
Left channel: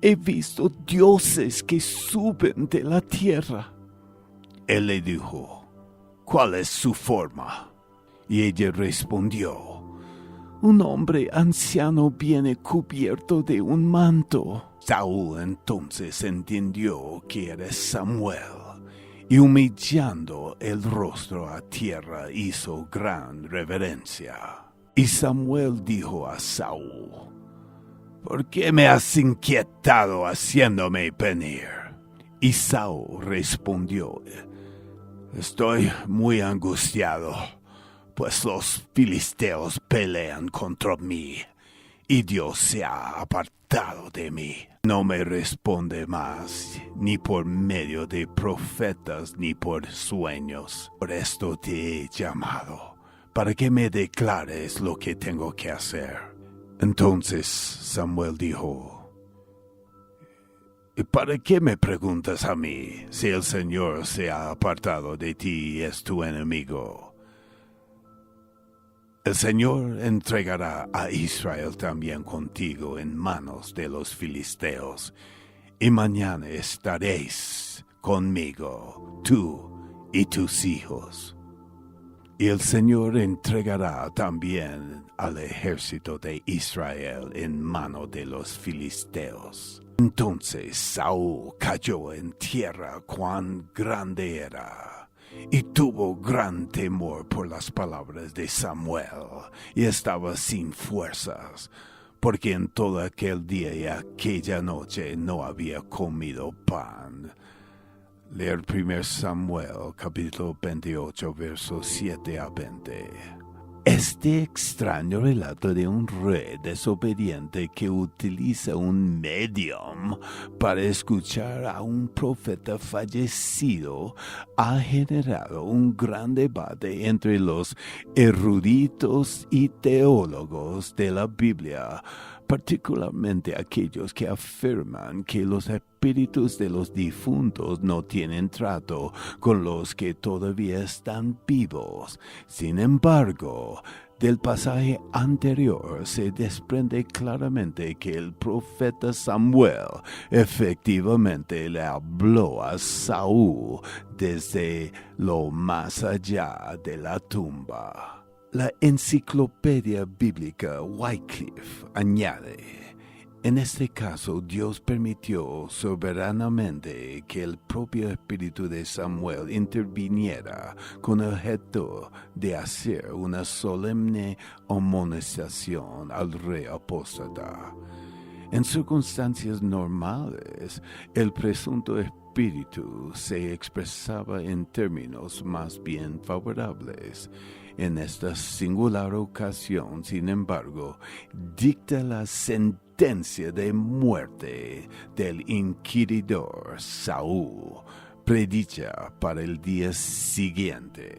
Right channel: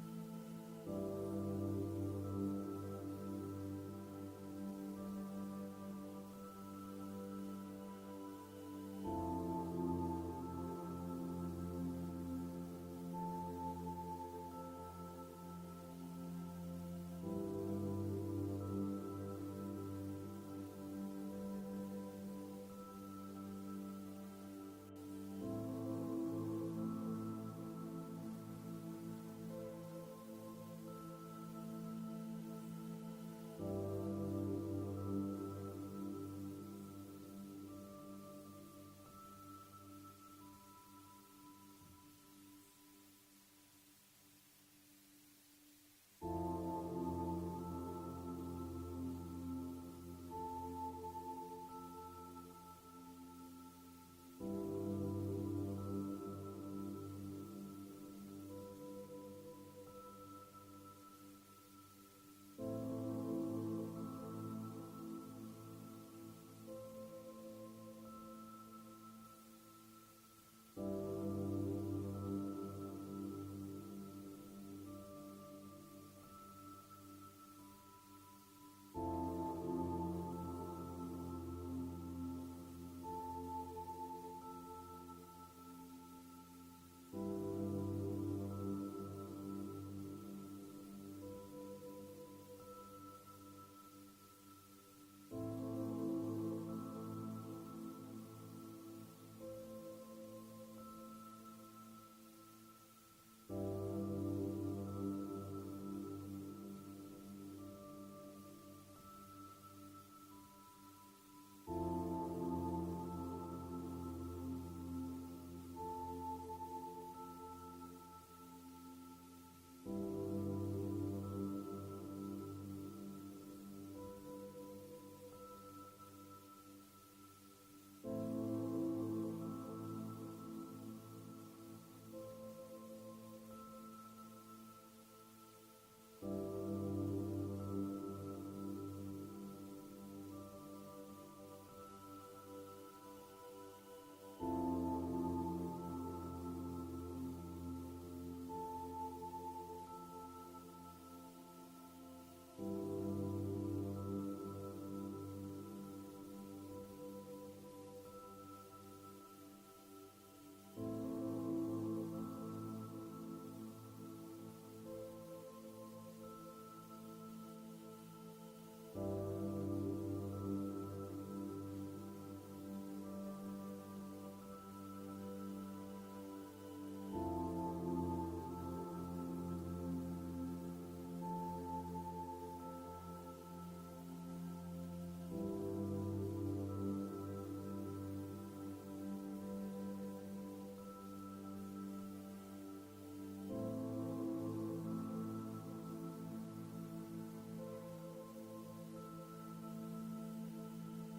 He visto dioses que suben de la tierra. Él le dijo: ¿Cuál es su forma? Y ella respondió: Un hombre anciano viene cubierto de un manto. Saúl entonces entendió que era Samuel, y humillando el rostro a tierra hizo gran reverencia. Y Samuel dijo a Saúl: ¿Por qué me has inquietado haciéndome venir? Y Saúl respondió: Estoy muy angustiado, pues los filisteos pelean contra mí, y Dios se ha apartado de mí. No me responde más, ni por medio de profetas, ni por sueños. Por esto te he llamado, para que me declares lo que tengo que hacer. Entonces Samuel dijo: ¿Y para qué me preguntas a mí, si el Señor se ha apartado de ti y es tu enemigo? El Señor entregará a Israel también contigo en manos de los filisteos, y mañana estaréis conmigo, tú y tus hijos. Y el Señor entregará también al ejército de Israel en mano de los filisteos. Entonces Saúl cayó en tierra cuán grande era, y tuvo gran temor por las palabras de Samuel, y estaba sin fuerzas, porque en todo aquel día y aquella noche no había comido pan. Leer 1 Samuel, capítulo 28, versos 7 a 20. Este extraño relato de un rey desobediente que utiliza un medium para escuchar a un profeta fallecido ha generado un gran debate entre los eruditos y teólogos de la Biblia, particularmente aquellos que afirman que los espíritus de los difuntos no tienen trato con los que todavía están vivos. Sin embargo, Del pasaje anterior se desprende claramente que el profeta Samuel efectivamente le habló a Saúl desde lo más allá de la tumba. La enciclopedia bíblica Wycliffe añade: en este caso, Dios permitió soberanamente que el propio espíritu de Samuel interviniera con el objeto de hacer una solemne amonestación al rey apóstata. En circunstancias normales, el presunto espíritu se expresaba en términos más bien favorables. En esta singular ocasión, sin embargo, dicta la sentencia de muerte del inquiridor Saúl, predicha para el día siguiente.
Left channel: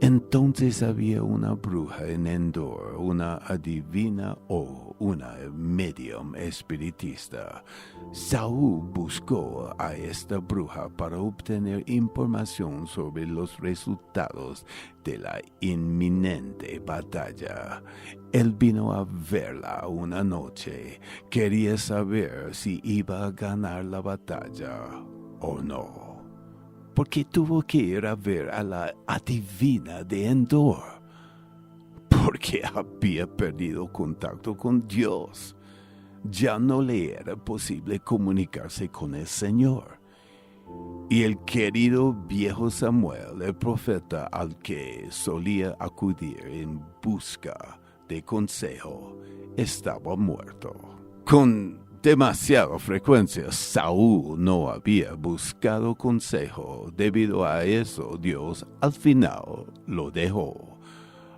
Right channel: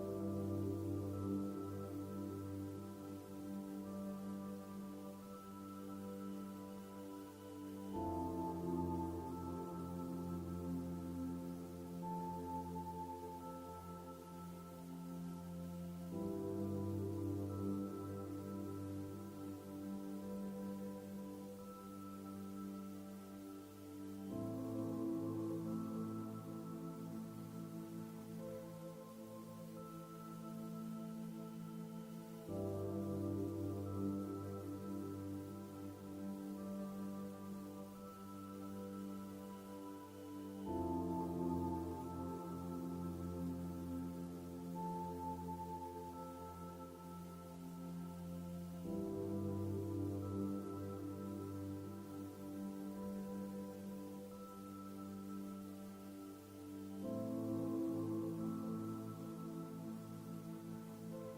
Entonces había una bruja en Endor, una adivina o una medium espiritista. Saúl buscó a esta bruja para obtener información sobre los resultados de la inminente batalla. Él vino a verla una noche. Quería saber si iba a ganar la batalla o no. Porque tuvo que ir a ver a la adivina de Endor, porque había perdido contacto con Dios. Ya no le era posible comunicarse con el Señor. Y el querido viejo Samuel, el profeta al que solía acudir en busca de consejo, estaba muerto. Con demasiada frecuencia, Saúl no había buscado consejo. Debido a eso, Dios al final lo dejó.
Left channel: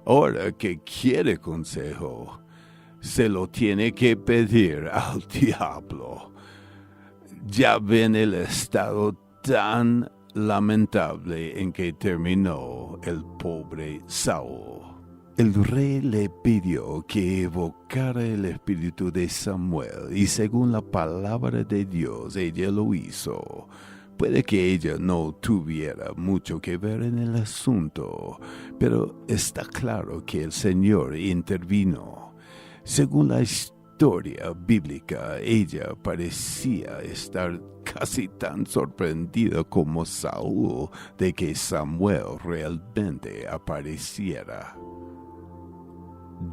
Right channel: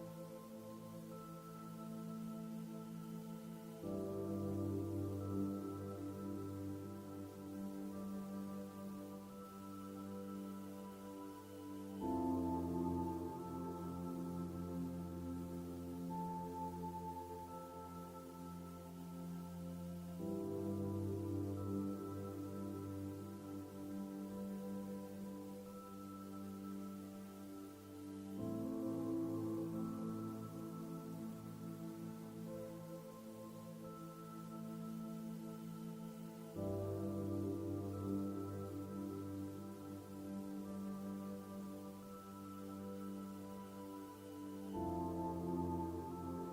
Ahora que quiere consejo, se lo tiene que pedir al diablo. Ya ven el estado tan lamentable en que terminó el pobre Saúl. El rey le pidió que evocara el espíritu de Samuel y según la palabra de Dios ella lo hizo. Puede que ella no tuviera mucho que ver en el asunto, pero está claro que el Señor intervino. Según la historia bíblica, ella parecía estar casi tan sorprendida como Saúl de que Samuel realmente apareciera.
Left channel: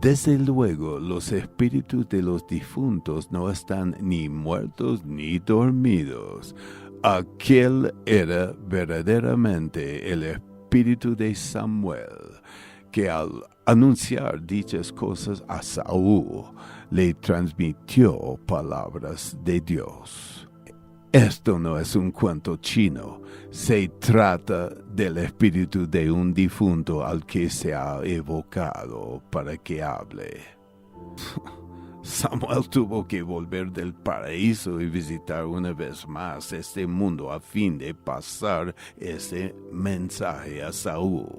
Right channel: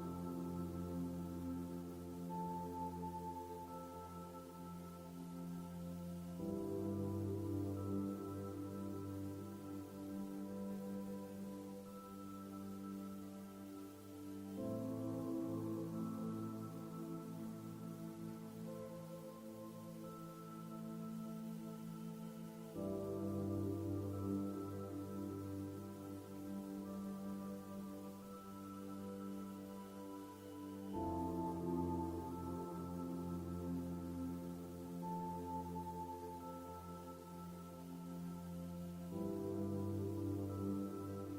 Desde luego, los espíritus de los difuntos no están ni muertos ni dormidos. Aquel era verdaderamente el espíritu de Samuel, que al anunciar dichas cosas a Saúl, le transmitió palabras de Dios. Esto no es un cuento chino, se trata del espíritu de un difunto al que se ha evocado para que hable. Samuel tuvo que volver del paraíso y visitar una vez más este mundo a fin de pasar ese mensaje a Saúl.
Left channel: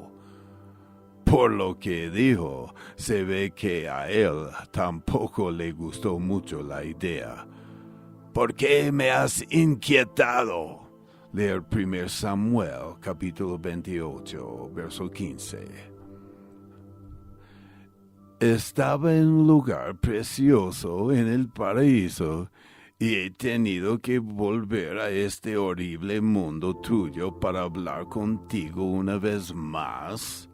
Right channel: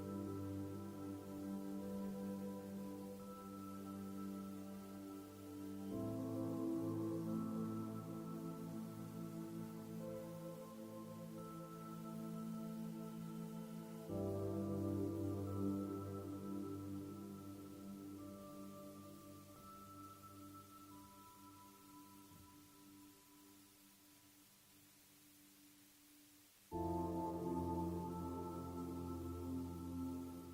Por lo que dijo, se ve que a él tampoco le gustó mucho la idea. ¿Por qué me has inquietado? Leer 1 Samuel, capítulo 28, verso 15. Estaba en un lugar precioso en el paraíso y he tenido que volver a este horrible mundo tuyo para hablar contigo una vez más.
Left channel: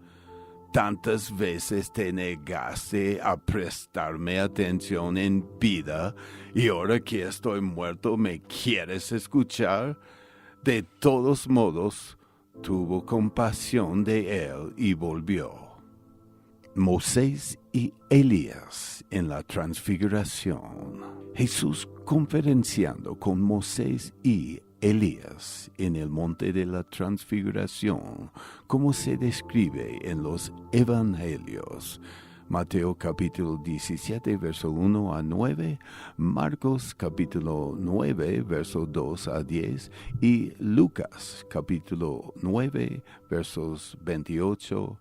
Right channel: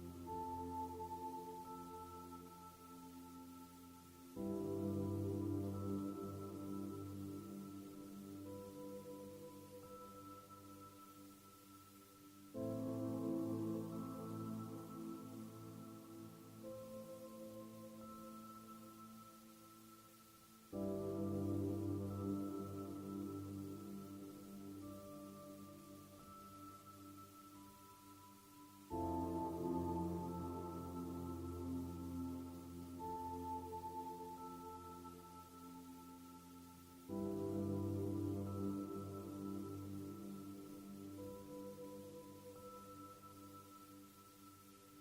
Tantas veces te negaste a prestarme atención en vida y ahora que estoy muerto me quieres escuchar. De todos modos, tuvo compasión de él y volvió. Moisés y Elías en la transfiguración. Jesús conferenciando con Moisés y Elías en el monte de la transfiguración, como se describe en los evangelios. Mateo capítulo 17, verso 1 a 9, Marcos capítulo 9, verso 2 a 10 y Lucas capítulo 9, versos 28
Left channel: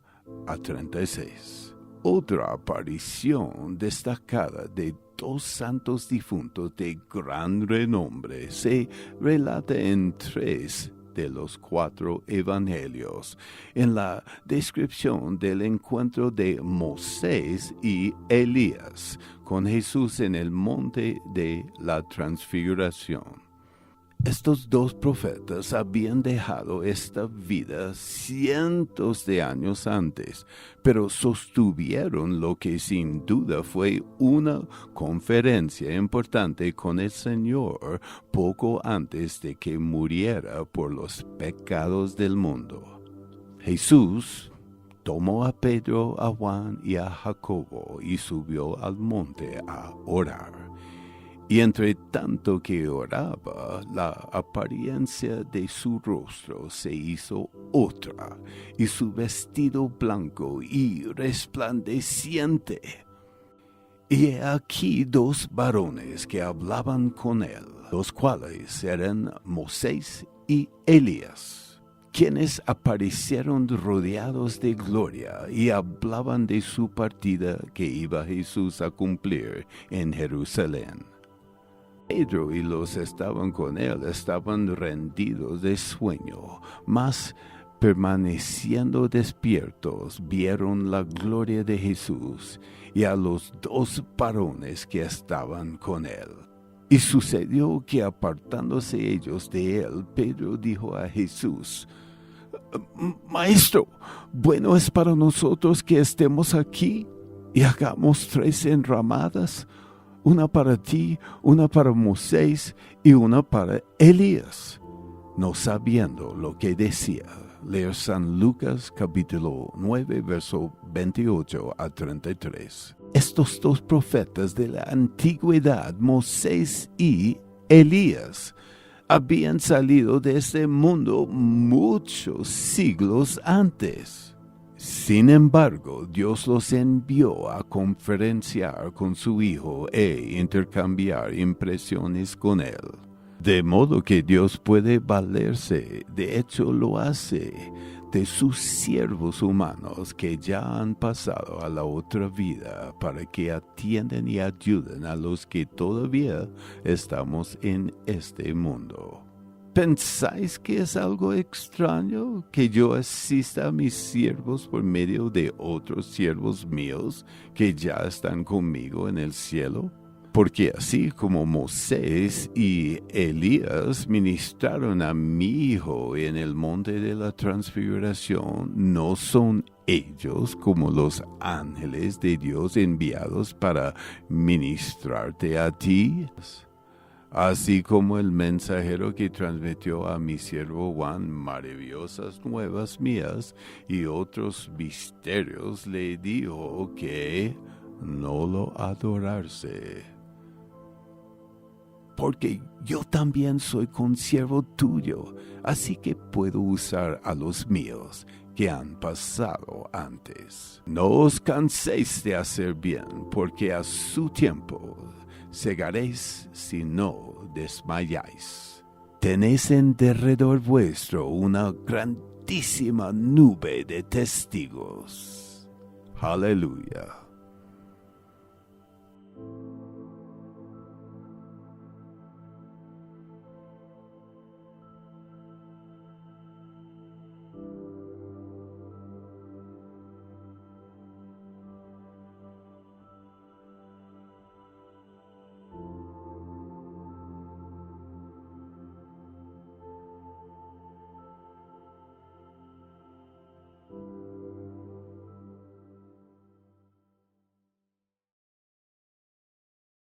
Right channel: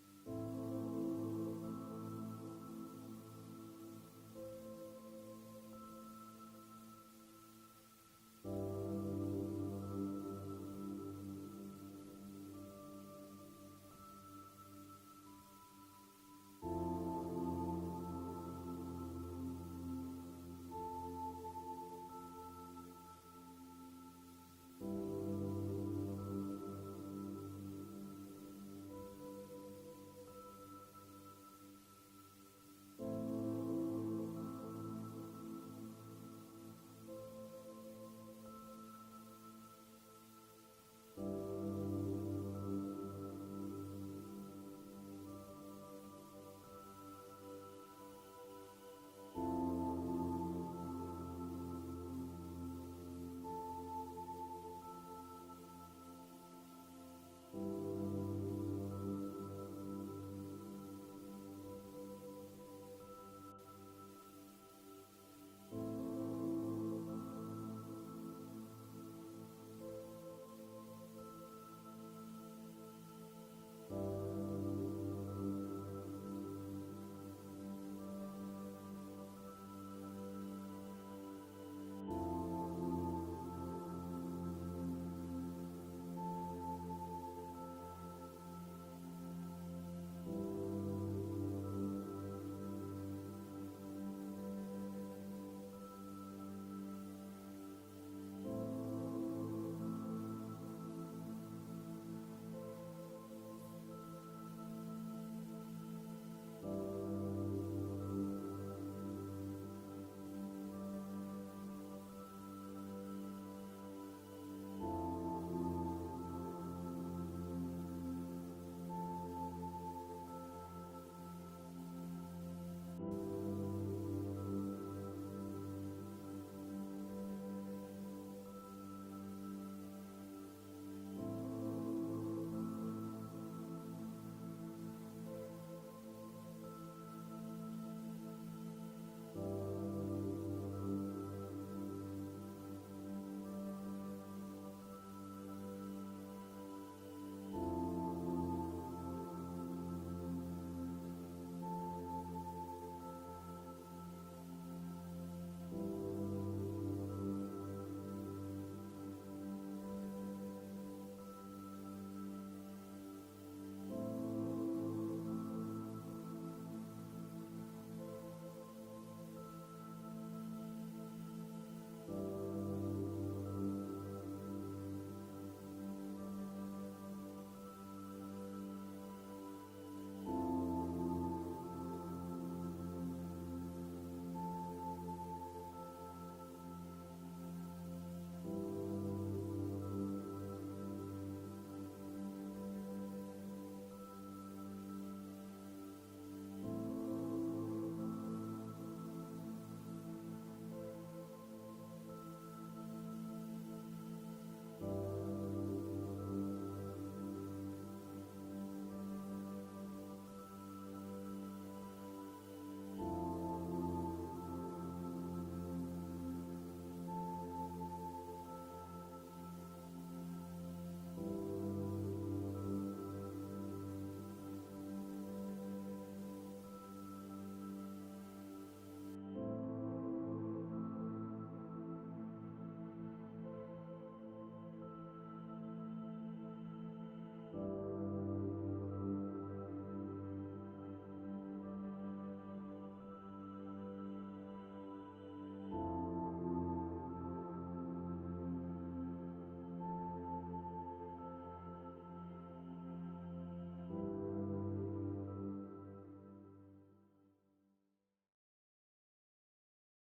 a 36. Otra aparición destacada de dos santos difuntos de gran renombre se relata en 3 de los 4 evangelios en la descripción del encuentro de Moisés y Elías con Jesús en el monte de la transfiguración. Estos 2 profetas habían dejado esta vida cientos de años antes, pero sostuvieron lo que sin duda fue una conferencia importante con el Señor poco antes de que muriera por los pecados del mundo. Jesús tomó a Pedro, a Juan y a Jacobo y subió al monte a orar. Y entre tanto que oraba, la apariencia de su rostro se hizo otra, y su vestido blanco y resplandeciente. Y he aquí 2 varones que hablaban con él, los cuales eran Moisés y Elías, quienes aparecieron rodeados de gloria y hablaban de su partida que iba Jesús a cumplir en Jerusalén. Pedro y los que estaban con él estaban rendidos de sueño, mas permaneciendo despiertos vieron la gloria de Jesús y a los 2 varones que estaban con él. Y sucedió que apartándose ellos de él, Pedro dijo a Jesús: Maestro, bueno es para nosotros que estemos aquí y hagamos 3 enramadas, una para ti, una para Moisés y una para Elías. No sabiendo lo que decía. Leer San Lucas capítulo 9, verso 28 a 33. Estos 2 profetas de la antigüedad, Moisés y Elías, habían salido de este mundo muchos siglos antes. Sin embargo, Dios los envió a conferenciar con su Hijo e intercambiar impresiones con él. De modo que Dios puede valerse, de hecho lo hace, de sus siervos humanos que ya han pasado a la otra vida para que atiendan y ayuden a los que todavía estamos en este mundo. ¿Pensáis que es algo extraño que yo asista a mis siervos por medio de otros siervos míos que ya están conmigo en el cielo? Porque así como Moisés y Elías ministraron a mi Hijo en el monte de la transfiguración, ¿no son ellos como los ángeles de Dios enviados para ministrarte a ti? Así como el mensajero que transmitió a mi siervo Juan maravillosas nuevas mías y otros misterios, le dijo que no lo adorase. Porque yo también soy consiervo tuyo, así que puedo usar a los míos que han pasado antes. No os canséis de hacer bien, porque a su tiempo segaréis si no desmayáis. Tenéis en derredor vuestro una grandísima nube de testigos. Aleluya.